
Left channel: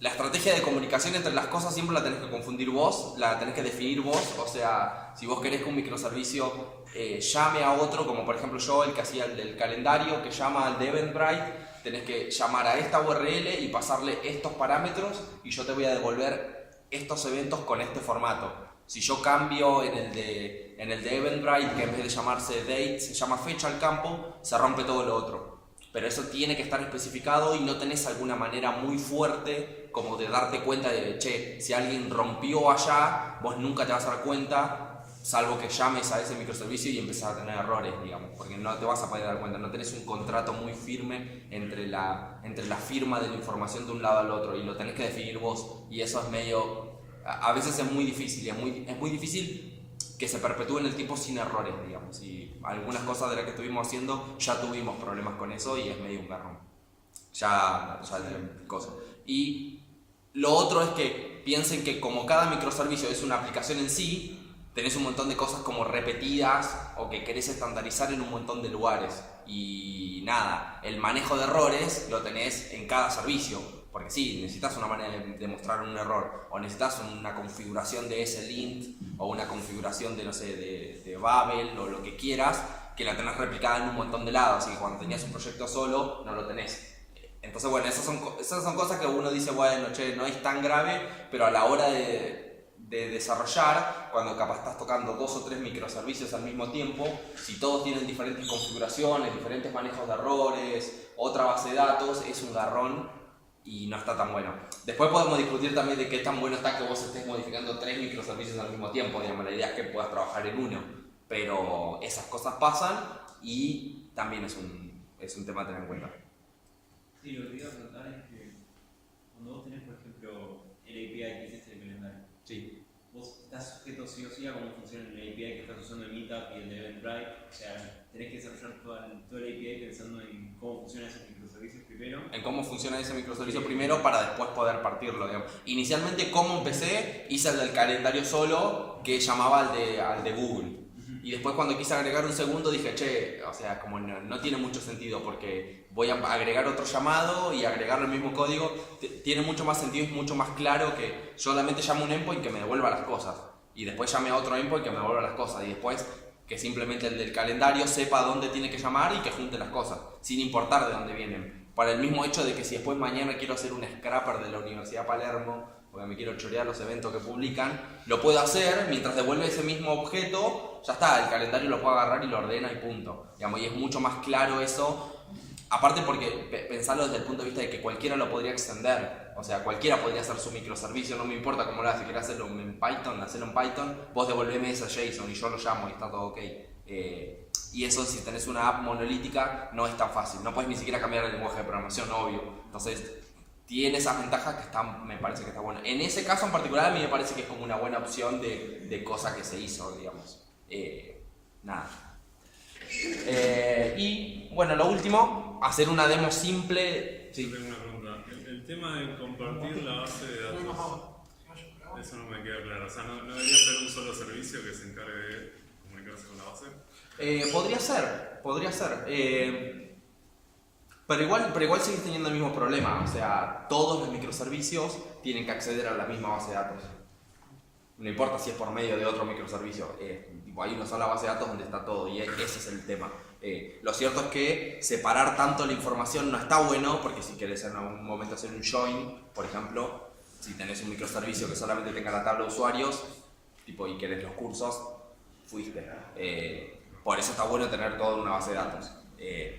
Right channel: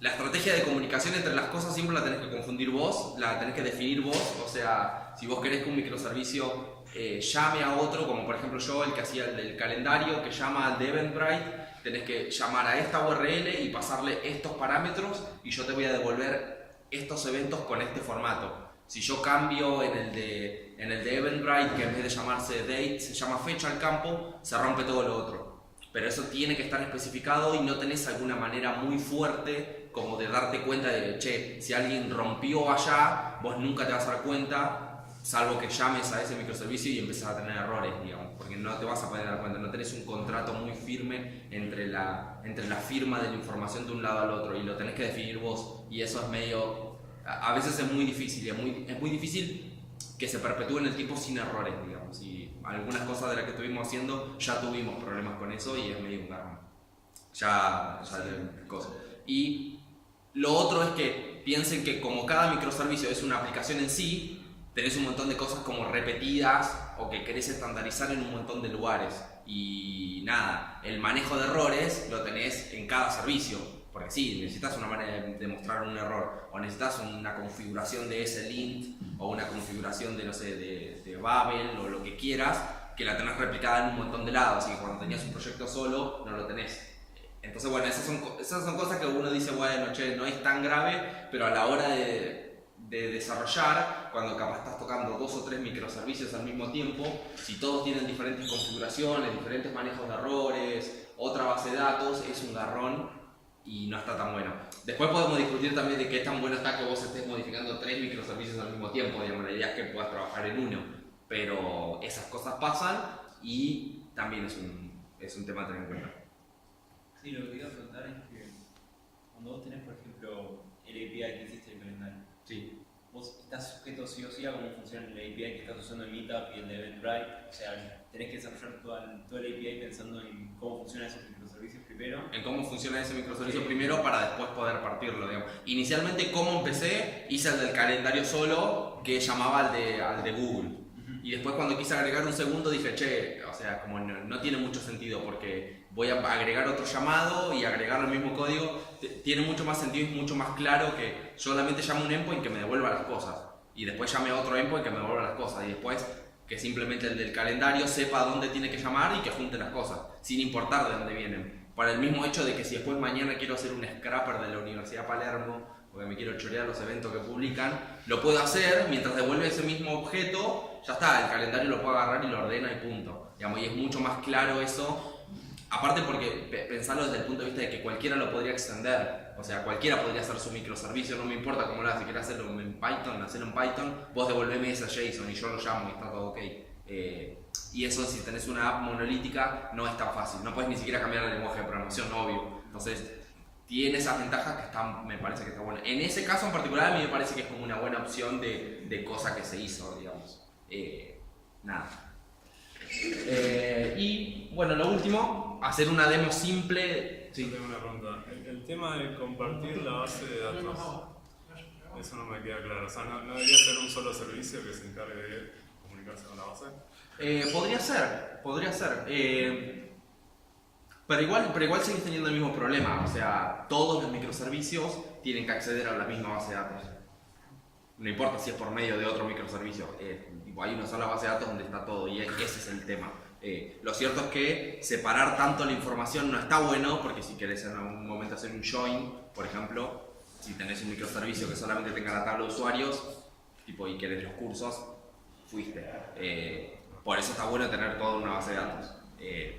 La estrategia de comunicación entre las cosas siempre la tenés que confundir vos, la tenés que definir vos. O sea, si vos querés que un microservicio llame a otro, como por ejemplo yo, el que hacía el del calendario, que llama al de Eventbrite, tenés que llamar a esta URL y pasarle estos parámetros y yo te voy a devolver estos eventos con este formato. Si yo cambio en el de Eventbrite, que en vez de llamarse date se llama fecha al campo, se rompe todo lo otro. Pero eso tiene que estar especificado y no tenés alguna manera muy fuerte como de darte cuenta de que, che, si alguien rompió allá, vos nunca te vas a dar cuenta, salvo que llames a ese microservicio y empieces a tener errores, digamos, porque no te vas a poder dar cuenta, no tenés un contrato muy firme entre la firma de la información de un lado al otro, y lo tenés que definir vos, y eso es medio, a veces es muy difícil, es muy difícil que se perpetúe en el tiempo sin errores, digamos, y algunas cosas de las que estuvimos haciendo ya tuvimos problemas con eso y es medio un garrón. Ya el coso. Y lo otro es que piensen que como cada microservicio es una aplicación en sí, tenés un montón de cosas como repetidas o que querés estandarizar en un montón de lugares. Y nada, el manejo de errores lo tenés en cada servicio. Porque sí, necesitas una manera de mostrar un error, o necesitas una configuración de ese link, o una configuración de, no sé, de Babel, o lo que quieras, que la tenés replicada en un montón de lados, y cuando tenías un proyecto solo, no lo tenés. Entonces, bueno, esas son cosas que uno dice, bueno, che, no es tan grave, pero a la hora de desarrollar, cuando capaz estás tocando 2 o 3 microservicios al mismo tiempo, si todos tienen diferentes configuraciones, diferentes manejos de errores, otra base de datos, es un garrón y no está tan bueno. Después podemos discutir también de qué tan bueno está que vos estés modificando 3 microservicios al mismo tiempo, digamos, la idea es que puedas trabajar en uno, pero esas cosas pasan y también es un tema a tener en cuenta. Sí, lo que iba a preguntar es que cuando vos tenés, por ejemplo, el API que hiciste del calendario, sí, vos estás sujeto sí o sí a cómo funciona el API que estás usando en Meetup y el de Eventbrite, o sea, tenés que desarrollar todo el API pensando en cómo funcionan esos microservicios primero. En cómo funciona ese microservicio primero para después poder partirlo, digamos. Inicialmente, ¿cómo empecé? Hice el del calendario solo, que llamaba al de Google. Y después cuando quise agregar un segundo dije, che, o sea, como no tiene mucho sentido porque voy a agregar otro llamado y agregar el mismo código. Tiene mucho más sentido y es mucho más claro que solamente llame un endpoint que me devuelva las cosas. Y después llame a otro endpoint que me devuelva las cosas. Y después que simplemente el del calendario sepa dónde tiene que llamar y que junte las cosas, sin importar de dónde vienen. Para el mismo hecho de que si después mañana quiero hacer un scrapper de la Universidad de Palermo, porque me quiero chorear los eventos que publican, lo puedo hacer mientras devuelve ese mismo objeto, ya está, el calendario lo puedo agarrar y lo ordena y punto. Digamos, y es mucho más claro eso, aparte porque pensarlo desde el punto de vista de que cualquiera lo podría extender, o sea, cualquiera podría hacer su microservicio, no me importa cómo lo hace, si quieres hacerlo en Python, hacerlo en Python, vos devolveme ese JSON y yo lo llamo y está todo ok. Y eso si tenés una app monolítica no es tan fácil, no puedes ni siquiera cambiar el lenguaje de programación, obvio. Entonces tiene esas ventajas que me parece que está bueno. En ese caso en particular a mí me parece que es como una buena opción de cosa que se hizo, digamos. Nada. Y bueno, lo último, hacer una demo simple. Sí. Tengo una pregunta. El tema de compartir la base de datos, eso no me queda claro. O sea, ¿no debería ser un solo servicio que se encargue de comunicarse con la base? Podría ser. Pero igual seguís teniendo el mismo problema. O sea, todos los microservicios tienen que acceder a la misma base de datos. No importa si es por medio de otro microservicio. Hay una sola base de datos donde está todo y ese es el tema. Lo cierto es que separar tanto la información no está bueno, porque si querés en algún momento hacer un join, por ejemplo, si tenés un microservicio que solamente tenga la tabla de usuarios y querés los cursos, fuiste. Por eso está bueno tener todo en una base de datos.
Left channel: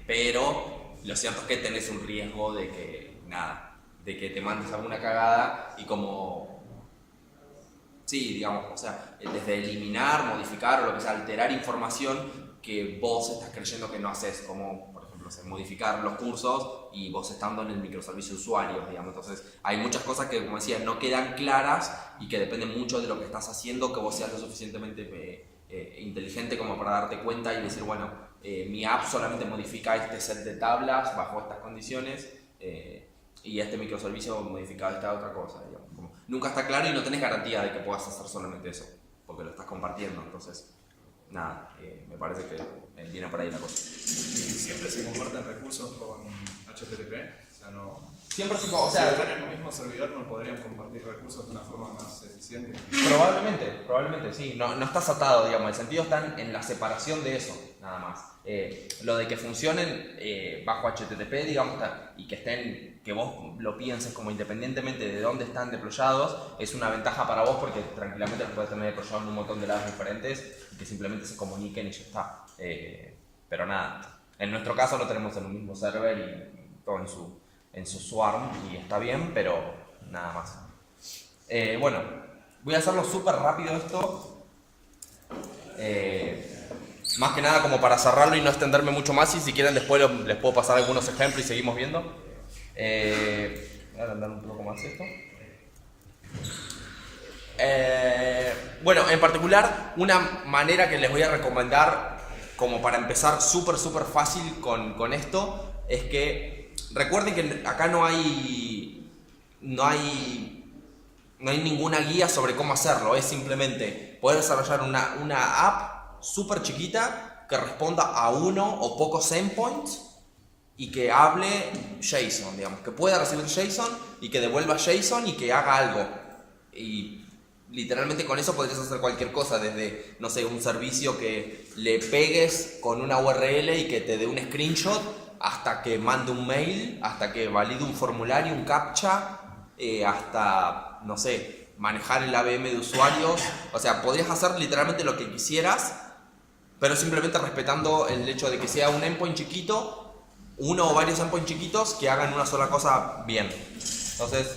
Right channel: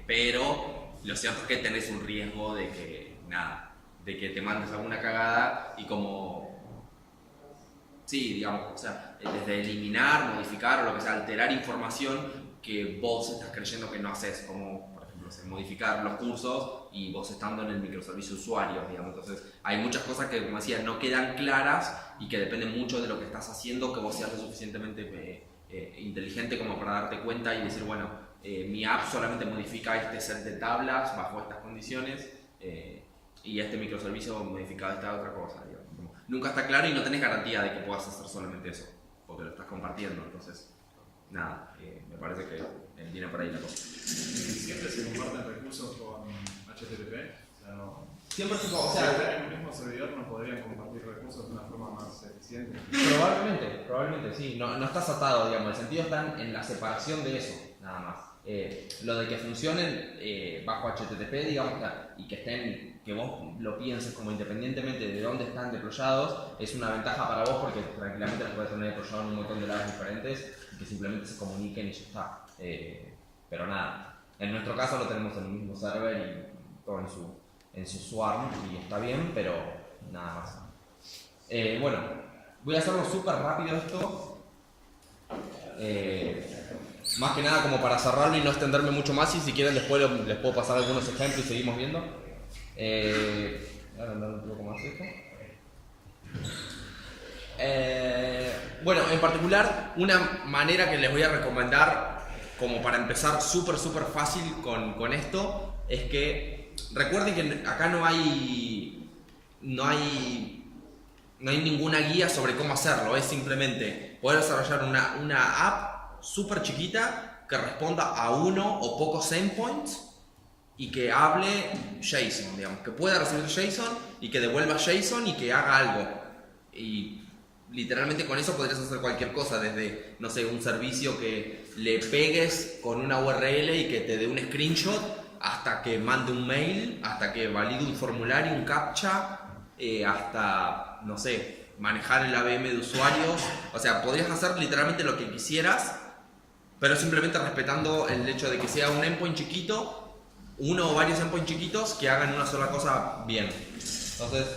Pero lo cierto es que tenés un riesgo de que te mandes alguna cagada y como... Sí, digamos, o sea, desde eliminar, modificar o lo que sea, alterar información que vos estás creyendo que no haces, como por ejemplo modificar los cursos y vos estando en el microservicio usuario, digamos. Entonces hay muchas cosas que, como decía, no quedan claras y que dependen mucho de lo que estás haciendo, que vos seas lo suficientemente inteligente como para darte cuenta y decir, bueno, mi app solamente modifica este set de tablas bajo estas condiciones y este microservicio modifica esta otra cosa, digamos. Nunca está claro y no tenés garantía de que puedas hacer solamente eso, porque lo estás compartiendo. Entonces, nada, me parece que viene por ahí la cosa. ¿Siempre se comparten recursos con HTTP? O sea, no... Siempre se o sea, en el mismo servidor no podrían compartir recursos de una forma más eficiente. Probablemente sí, no estás atado, digamos, el sentido está en la separación de eso, nada más. Lo de que funcionen bajo HTTP, digamos, y que vos lo pienses como independientemente de dónde están deployados, es una ventaja para vos porque tranquilamente los puedes tener deployados en un montón de lados diferentes y que simplemente se comuniquen y ya está. Pero nada, en nuestro caso lo tenemos en un mismo server y todo en su swarm y está bien, pero nada más. Bueno, voy a hacerlo súper rápido esto. Más que nada como para cerrarlo y no extenderme mucho más, y si quieren después les puedo pasar algunos ejemplos y seguimos viendo. Voy a agrandar un poco más esto. Bueno, en particular una manera que les voy a recomendar como para empezar súper fácil con esto es que recuerden que acá no hay ninguna guía sobre cómo hacerlo, es simplemente poder desarrollar una app súper chiquita que responda a uno o pocos endpoints y que hable JSON, digamos, que pueda recibir JSON y que devuelva JSON y que haga algo. Y literalmente con eso podrías hacer cualquier cosa, desde, no sé, un servicio que le pegues con una URL y que te dé un screenshot, hasta que mande un mail, hasta que valide un formulario, un captcha, hasta, no sé, manejar el ABM de usuarios. O sea, podrías hacer literalmente lo que quisieras, pero simplemente respetando el hecho de que sea un endpoint chiquito, uno o varios endpoints chiquitos que hagan una sola cosa bien. Entonces,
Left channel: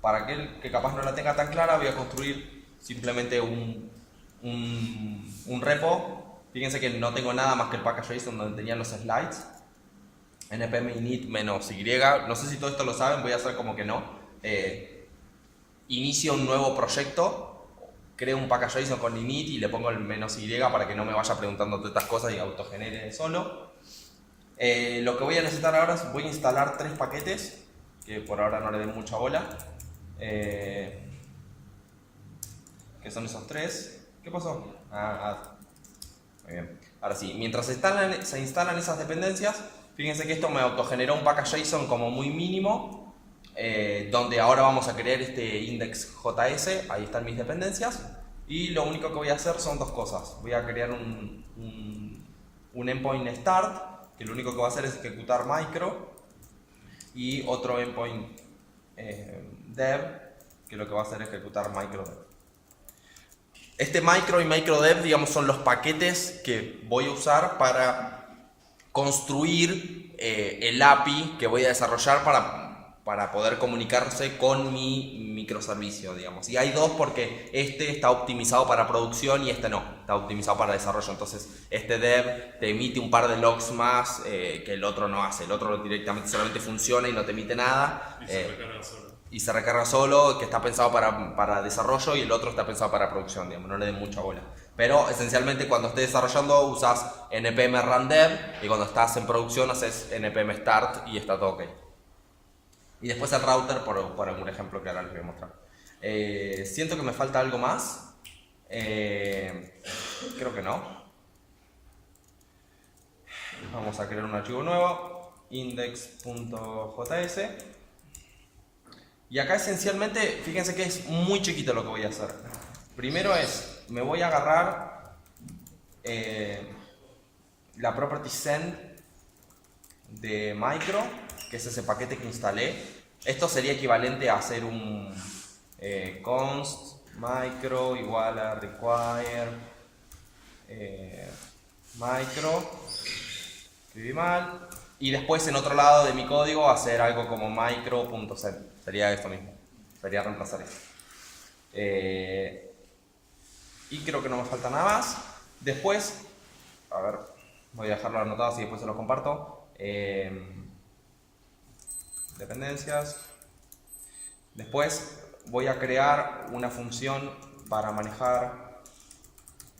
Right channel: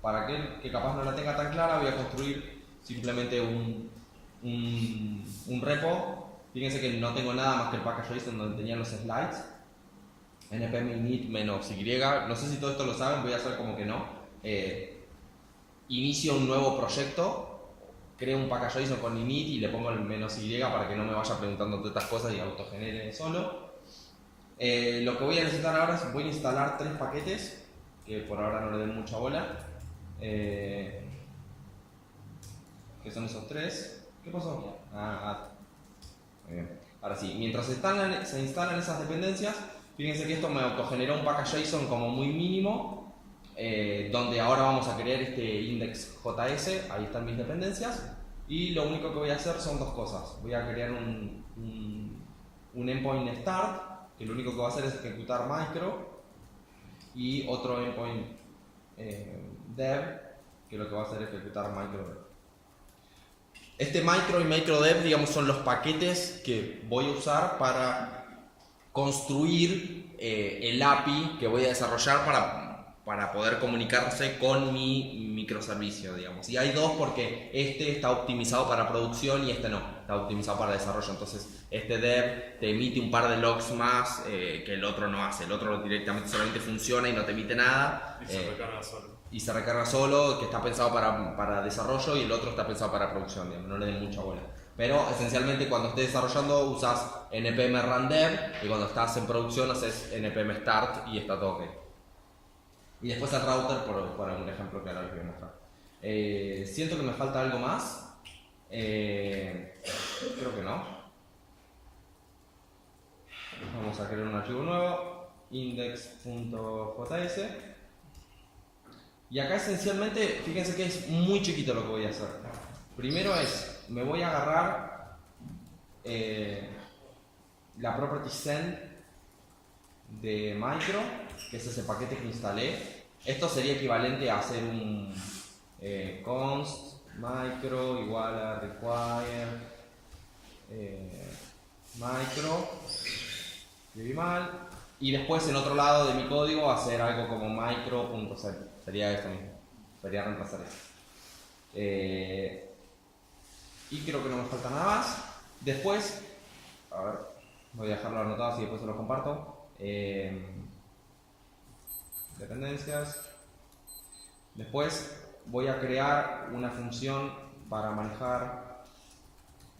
para aquel que capaz no la tenga tan clara, voy a construir simplemente un repo. Fíjense que no tengo nada más que el package.json donde tenían los slides. npm init -y, no sé si todo esto lo saben, voy a hacer como que no. Inicio un nuevo proyecto, creo un package.json con init y le pongo el -y para que no me vaya preguntando todas estas cosas y autogenere solo. Lo que voy a necesitar ahora es voy a instalar 3 paquetes que por ahora no le den mucha bola. ¿Qué son esos 3? ¿Qué pasó? Ahí Muy bien. Ahora sí, mientras se instalan esas dependencias, fíjense que esto me autogeneró un package JSON como muy mínimo, donde ahora vamos a crear este index.js, ahí están mis dependencias, y lo único que voy a hacer son dos cosas. Voy a crear un endpoint start, que lo único que va a hacer es ejecutar micro, y otro endpoint dev, que lo que va a hacer es ejecutar micro dev. Este micro y microdev, digamos, son los paquetes que voy a usar para construir el API que voy a desarrollar para poder comunicarse con mi microservicio, digamos. Y hay dos porque este está optimizado para producción y este no, está optimizado para desarrollo. Entonces, este dev te emite un par de logs más que el otro no hace. El otro directamente solamente funciona y no te emite nada. Y se recarga solo. Y se recarga solo, que está pensado para desarrollo, y el otro está pensado para producción, digamos, no le den mucha bola. Pero esencialmente cuando estés desarrollando usas npm run dev, y cuando estás en producción haces npm start y está todo ok. Y después el router por un ejemplo que ahora les voy a mostrar. Siento que me falta algo más. Creo que no. Vamos a crear un archivo nuevo, index.js. Y acá esencialmente, fíjense que es muy chiquito lo que voy a hacer. Primero me voy a agarrar la property send de micro, que es ese paquete que instalé. Esto sería equivalente a hacer un const micro igual a require micro, escribí mal, y después en otro lado de mi código hacer algo como micro.send. Sería esto mismo, sería reemplazar esto. Y creo que no me falta nada más. Después, a ver, voy a dejarlo anotado así después se lo comparto. Dependencias. Después voy a crear una función para manejar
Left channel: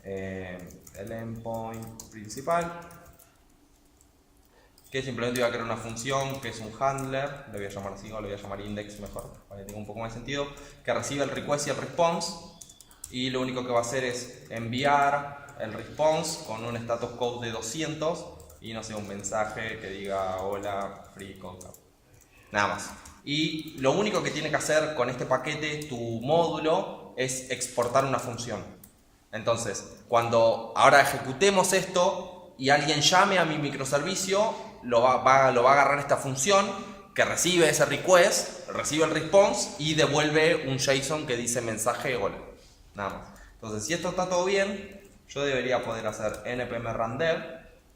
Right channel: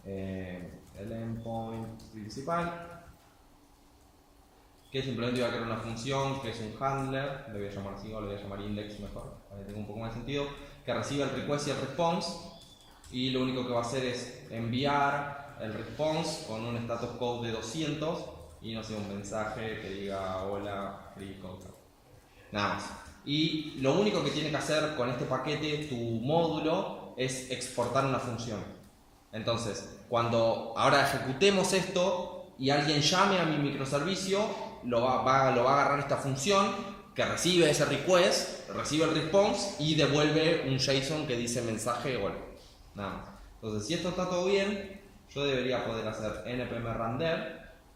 el endpoint principal, que simplemente voy a crear una función que es un handler, le voy a llamar así o le voy a llamar index mejor, para que tenga un poco más de sentido, que recibe el request y el response, y lo único que va a hacer es enviar el response con un status code de 200 y no sé, un mensaje que diga hola, free code. Nada más. Y lo único que tiene que hacer con este paquete, tu módulo, es exportar una función. Entonces, cuando ahora ejecutemos esto y alguien llame a mi microservicio, lo va a agarrar esta función que recibe ese request, recibe el response y devuelve un JSON que dice mensaje hola. Nada más. Entonces, si esto está todo bien, yo debería poder hacer npm run dev.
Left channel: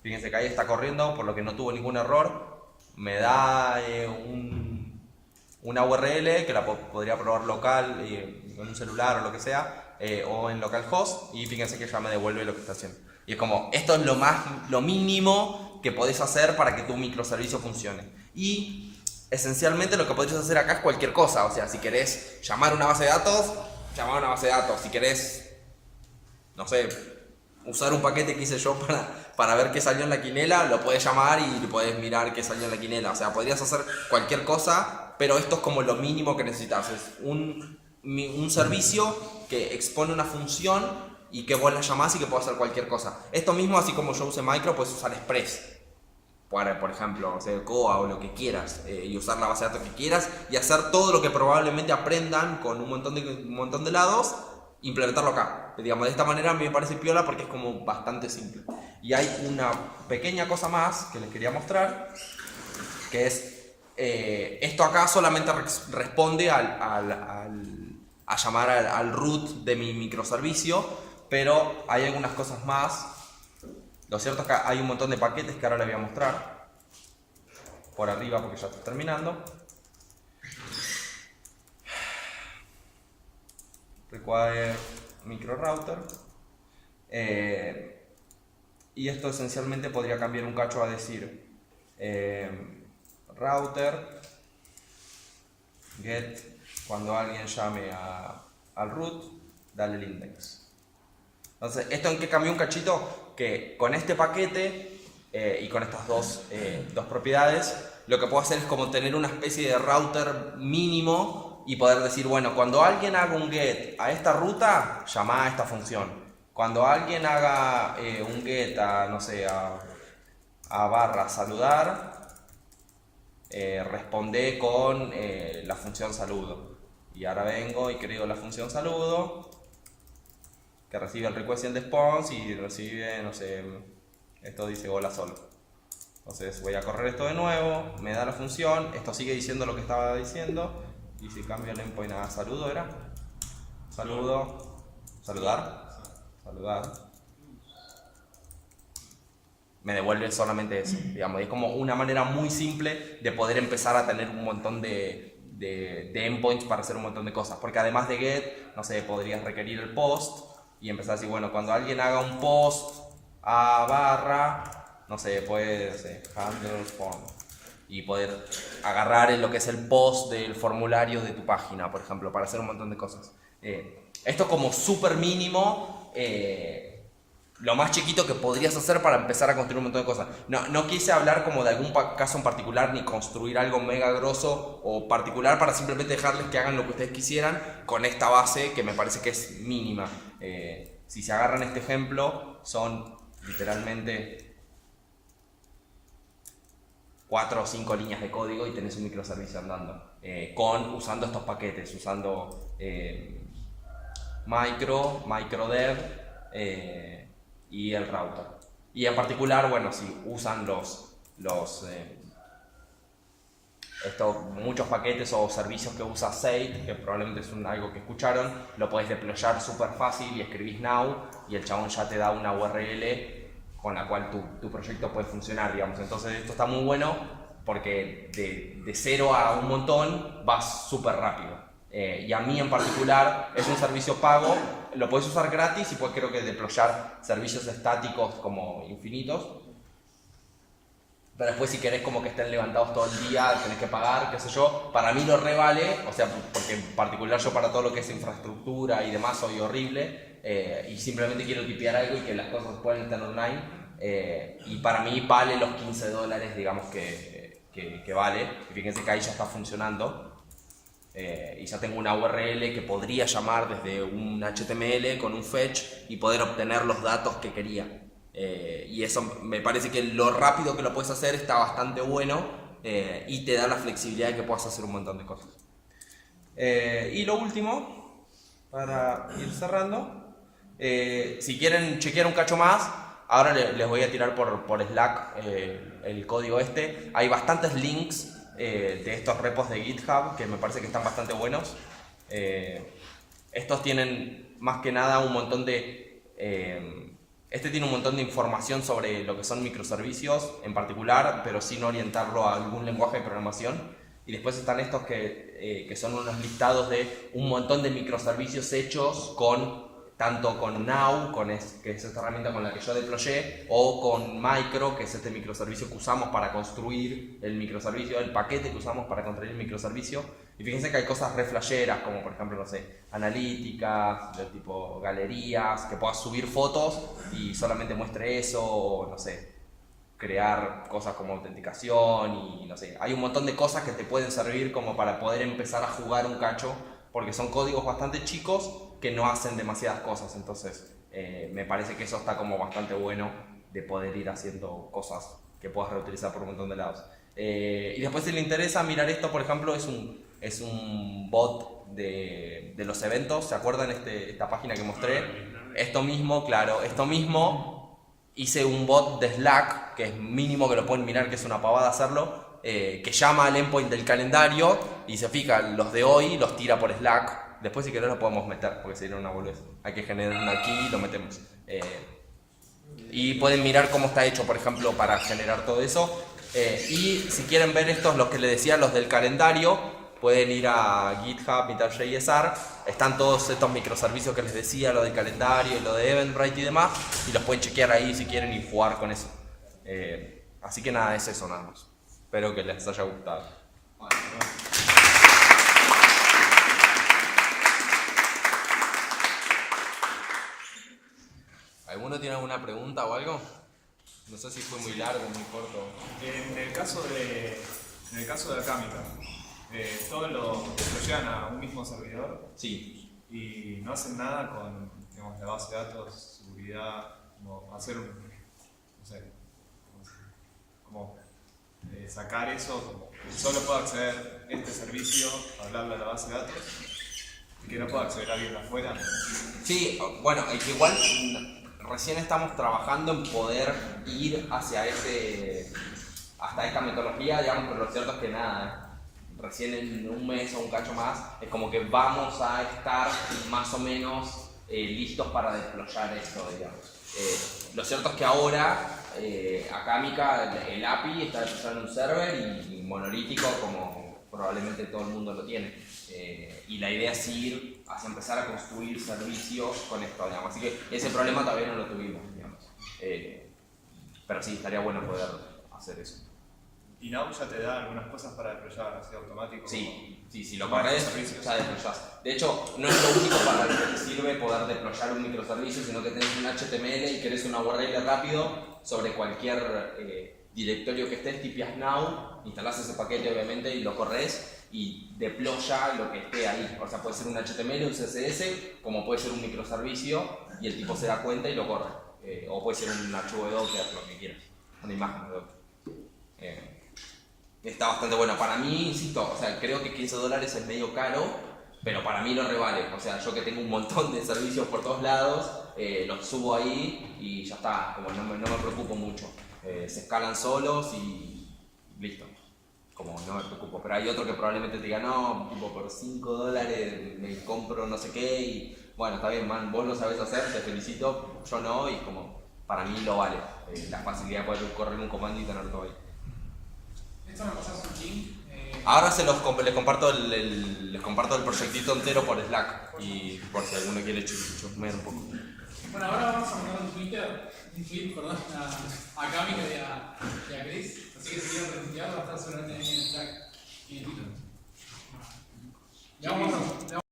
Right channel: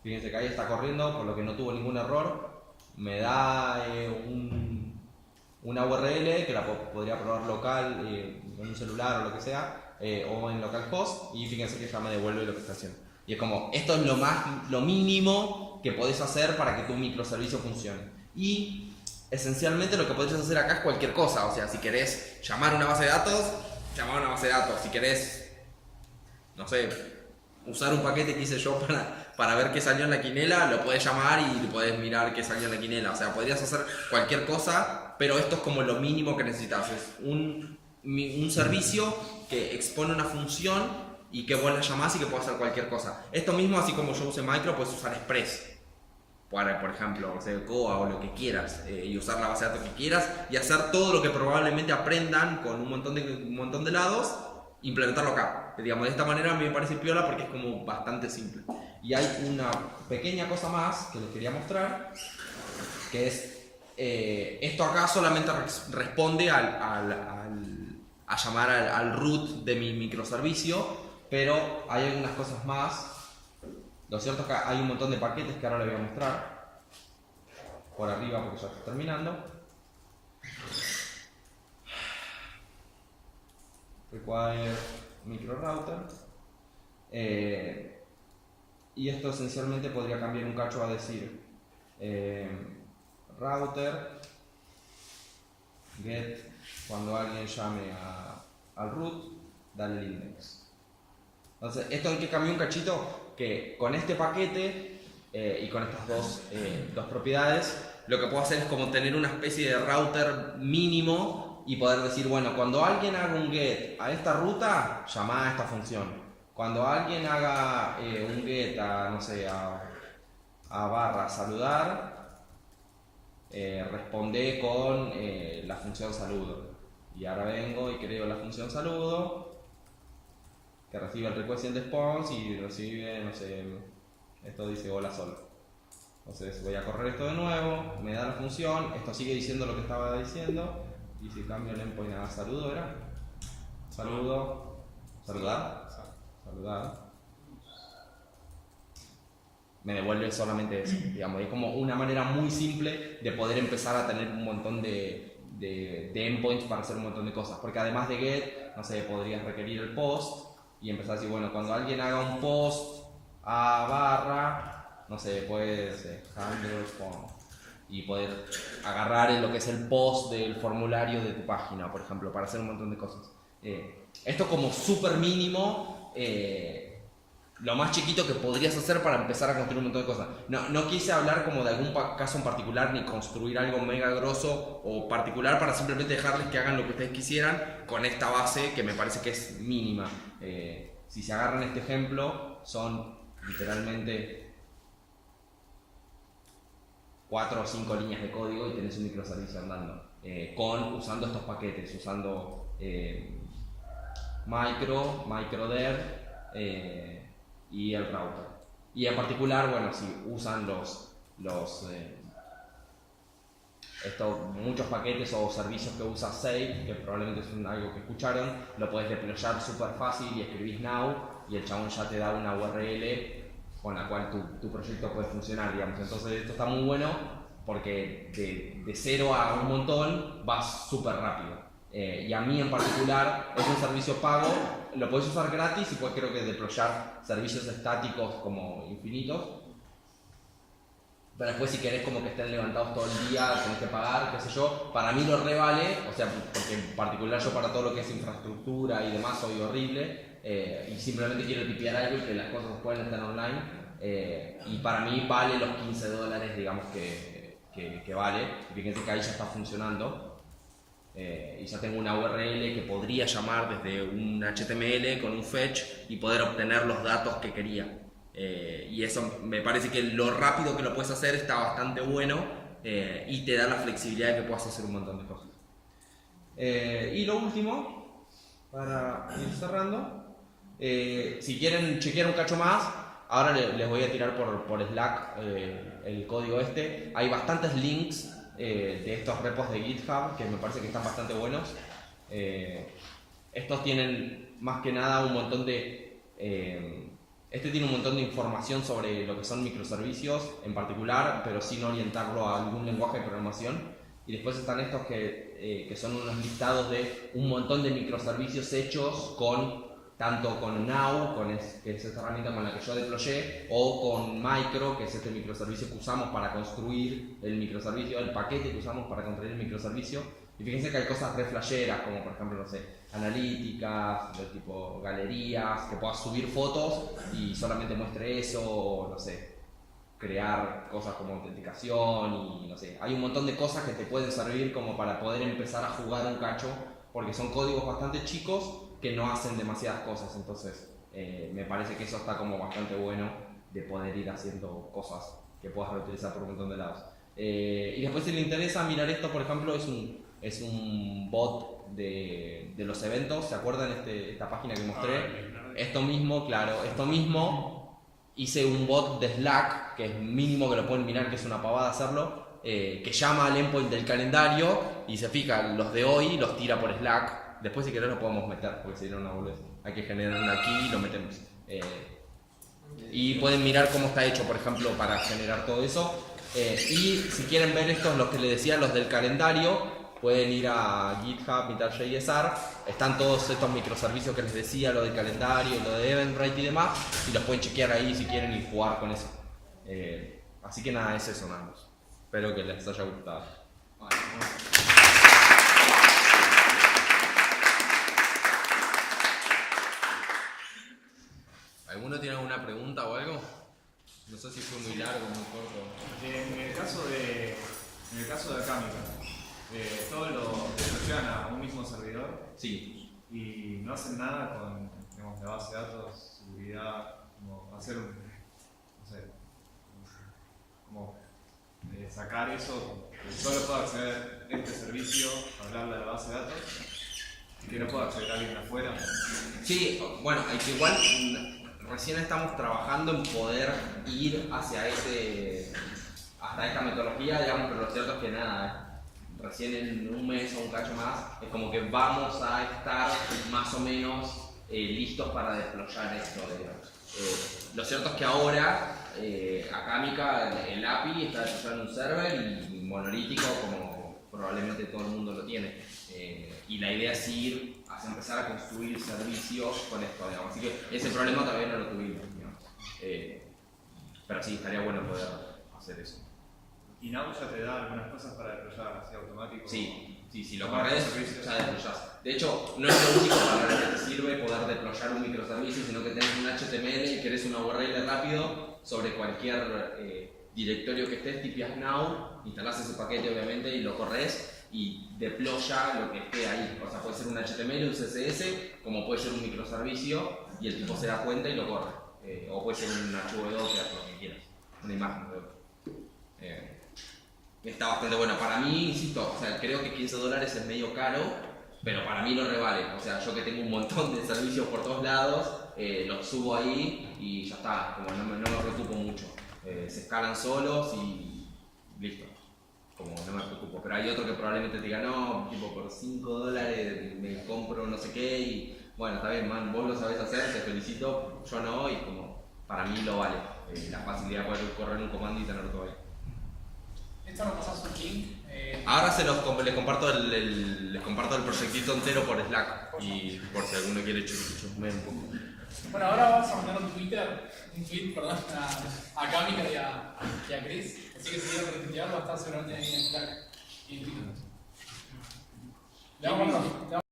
Fíjense que ahí está corriendo, por lo que no tuvo ningún error. Me da una URL que la podría probar local, en un celular o lo que sea, o en localhost, y fíjense que ya me devuelve lo que está haciendo. Y es como, esto es lo mínimo que podés hacer para que tu microservicio funcione. Y esencialmente lo que podés hacer acá es cualquier cosa. O sea, si querés llamar a una base de datos, llamar a una base de datos. Si querés, no sé, usar un paquete que hice yo para ver qué salió en la quinela, lo podés llamar y podés mirar qué salió en la quinela. O sea, podrías hacer cualquier cosa, pero esto es como lo mínimo que necesitas. Es un servicio que expone una función y que vos la llamás y que puede hacer cualquier cosa. Esto mismo, así como yo usé micro, puedes usar express. Por ejemplo, o sea, Coa o lo que quieras, y usar la base de datos que quieras y hacer todo lo que probablemente aprendan con un montón de lados, implementarlo acá. Digamos, de esta manera a mí me parece piola porque es como bastante simple. Y hay una pequeña cosa más que les quería mostrar, que es esto acá solamente responde a llamar al root de mi microservicio, pero hay algunas cosas más. Lo cierto es que hay un montón de paquetes que ahora les voy a mostrar por arriba porque ya estoy terminando. Require micro router. Y esto esencialmente podría cambiar un cacho a decir router get, cuando alguien llame al root, dale el index. Entonces, ¿esto en qué cambió un cachito? Que con este paquete y con estas dos propiedades, lo que puedo hacer es como tener una especie de router mínimo y poder decir, bueno, cuando alguien haga un get a esta ruta, llama a esta función. cuando alguien haga un get a, no sé, a barra saludar, responde con la función saludo. Y ahora vengo y creo la función saludo, que recibe el request y el response, y recibe, no sé, esto dice hola solo. Entonces voy a correr esto de nuevo, me da la función, esto sigue diciendo lo que estaba diciendo, y si cambio el endpoint a saludo era saludo, saludar, me devuelve solamente eso, digamos. Es como una manera muy simple de poder empezar a tener un montón de endpoints para hacer un montón de cosas, porque además de get, no sé, podrías requerir el post y empezar así, bueno, cuando alguien haga un post a barra, no sé, puedes handle form, y poder agarrar en lo que es el post del formulario de tu página, por ejemplo, para hacer un montón de cosas. Esto como súper mínimo, lo más chiquito que podrías hacer para empezar a construir un montón de cosas. No quise hablar como de algún caso en particular, ni construir algo mega grosso o particular, para simplemente dejarles que hagan lo que ustedes quisieran con esta base que me parece que es mínima. Si se agarran este ejemplo, son literalmente 4 o 5 líneas de código y tenés un microservicio andando, usando estos paquetes, usando microdev y el router. Y en particular, bueno, si usan muchos paquetes o servicios que usa Sage, que probablemente es algo que escucharon, lo podés deployar súper fácil y escribís now y el chabón ya te da una URL con la cual tu proyecto puede funcionar, digamos. Entonces esto está muy bueno porque de 0 a un montón vas súper rápido. Y a mí en particular es un servicio pago, lo puedes usar gratis y puedes, creo que, deployar servicios estáticos como infinitos. Pero después, si querés como que estén levantados todo el día, tenés que pagar, qué sé yo. Para mí lo revale, o sea, porque en particular yo para todo lo que es infraestructura y demás soy horrible, y simplemente quiero tipear algo y que las cosas puedan estar online, y para mí vale los $15, digamos, que vale. Fíjense que ahí ya está funcionando. Y ya tengo una URL que podría llamar desde un HTML con un fetch y poder obtener los datos que quería. Y eso me parece que lo rápido que lo puedes hacer está bastante bueno, y te da la flexibilidad de que puedas hacer un montón de cosas. Y lo último, para ir cerrando, si quieren chequear un cacho más, ahora les voy a tirar por Slack el código este. Hay bastantes links de estos repos de GitHub que me parece que están bastante buenos. Estos tienen más que nada un montón de... Este tiene un montón de información sobre lo que son microservicios en particular, pero sin orientarlo a algún lenguaje de programación. Y después están estos que son unos listados de un montón de microservicios hechos tanto con Now, que es esta herramienta con la que yo deployé, o con Micro, que es este microservicio que usamos para construir el microservicio, el paquete que usamos para construir el microservicio. Y fíjense que hay cosas re flasheras, como por ejemplo, no sé, analíticas, de tipo galerías, que puedas subir fotos y solamente muestre eso, o no sé, crear cosas como autenticación y no sé. Hay un montón de cosas que te pueden servir como para poder empezar a jugar un cacho, porque son códigos bastante chicos que no hacen demasiadas cosas. Entonces me parece que eso está como bastante bueno, de poder ir haciendo cosas que puedas reutilizar por un montón de lados. Y después, si le interesa mirar esto, por ejemplo, es un bot de los eventos. ¿Se acuerdan esta página que mostré? Esto mismo, hice un bot de Slack, que es mínimo que lo pueden mirar, que es una pavada hacerlo, que llama al endpoint del calendario y se fija los de hoy, los tira por Slack. Después, si querés, lo podemos meter, porque sería una boludez. Hay que generar una key y lo metemos. Y pueden mirar cómo está hecho, por ejemplo, para generar todo eso. Y si quieren ver estos, los que les decía, los del calendario, pueden ir a GitHub, meetup.jsr. Están todos estos microservicios que les decía, lo del calendario y lo de Eventbrite y demás, y los pueden chequear ahí si quieren y jugar con eso. Así que nada, es eso nada más. Espero que les haya gustado. ¿Alguno tiene alguna pregunta o algo? No sé si fue muy largo o muy corto. En el caso de acá, todo lo llevan a un mismo servidor. Sí. Y no hacen nada con, digamos, la base de datos hacer un, no sé, como sacar eso, solo puedo acceder a este servicio, hablarle a la base de datos, y que no puedo acceder a alguien de afuera. Sí, bueno, es que igual recién estamos trabajando en poder ir hacia hasta esta metodología, digamos, pero lo cierto es que nada, recién en un mes o un cacho más, es como que vamos a estar más o menos listos para deployar esto, digamos. Lo cierto es que ahora, acá el API está deployado en un server y monolítico como probablemente todo el mundo lo tiene. Y la idea es ir hacia empezar a construir servicios con esto, digamos. Así que ese problema todavía no lo tuvimos, digamos. Pero sí, estaría bueno poder hacer eso. Y Now ya te da algunas cosas para deployar así automático. Sí, si lo corres, ya deployás. De hecho, no es lo único para lo que te sirve poder deployar un microservicio, sino que tenés un HTML y querés una URL rápido sobre cualquier directorio que estés, tipias Now, instalás ese paquete obviamente y lo corres y deploya lo que esté ahí. O sea, puede ser un HTML, un CSS, como puede ser un microservicio y el tipo se da cuenta y lo corre. O puede ser un archivo de Docker, lo que quieras, una imagen de Docker. Está bastante bueno. Para mí, insisto, o sea, creo que $15 es medio caro, pero para mí lo revale. O sea, yo que tengo un montón de servicios por todos lados, los subo ahí y ya está, como no me preocupo mucho. Se escalan solos y listo. Como no me preocupo. Pero hay otro que probablemente te diga, no, tipo por $5 me compro no sé qué y bueno, está bien, man, vos lo sabés hacer, te felicito, yo no, y como para mí lo vale. La facilidad de poder correr un comando y tener todo ahí. Esto me pasas un link. Ahora les comparto les comparto el proyectito entero por Slack y por si alguno quiere chusmear un poco. Bueno, ahora vamos a mandar un tweet, a Cami y a Chris. Así que si quieren retuitear va a estar seguramente en Slack y en Twitter. Le vamos a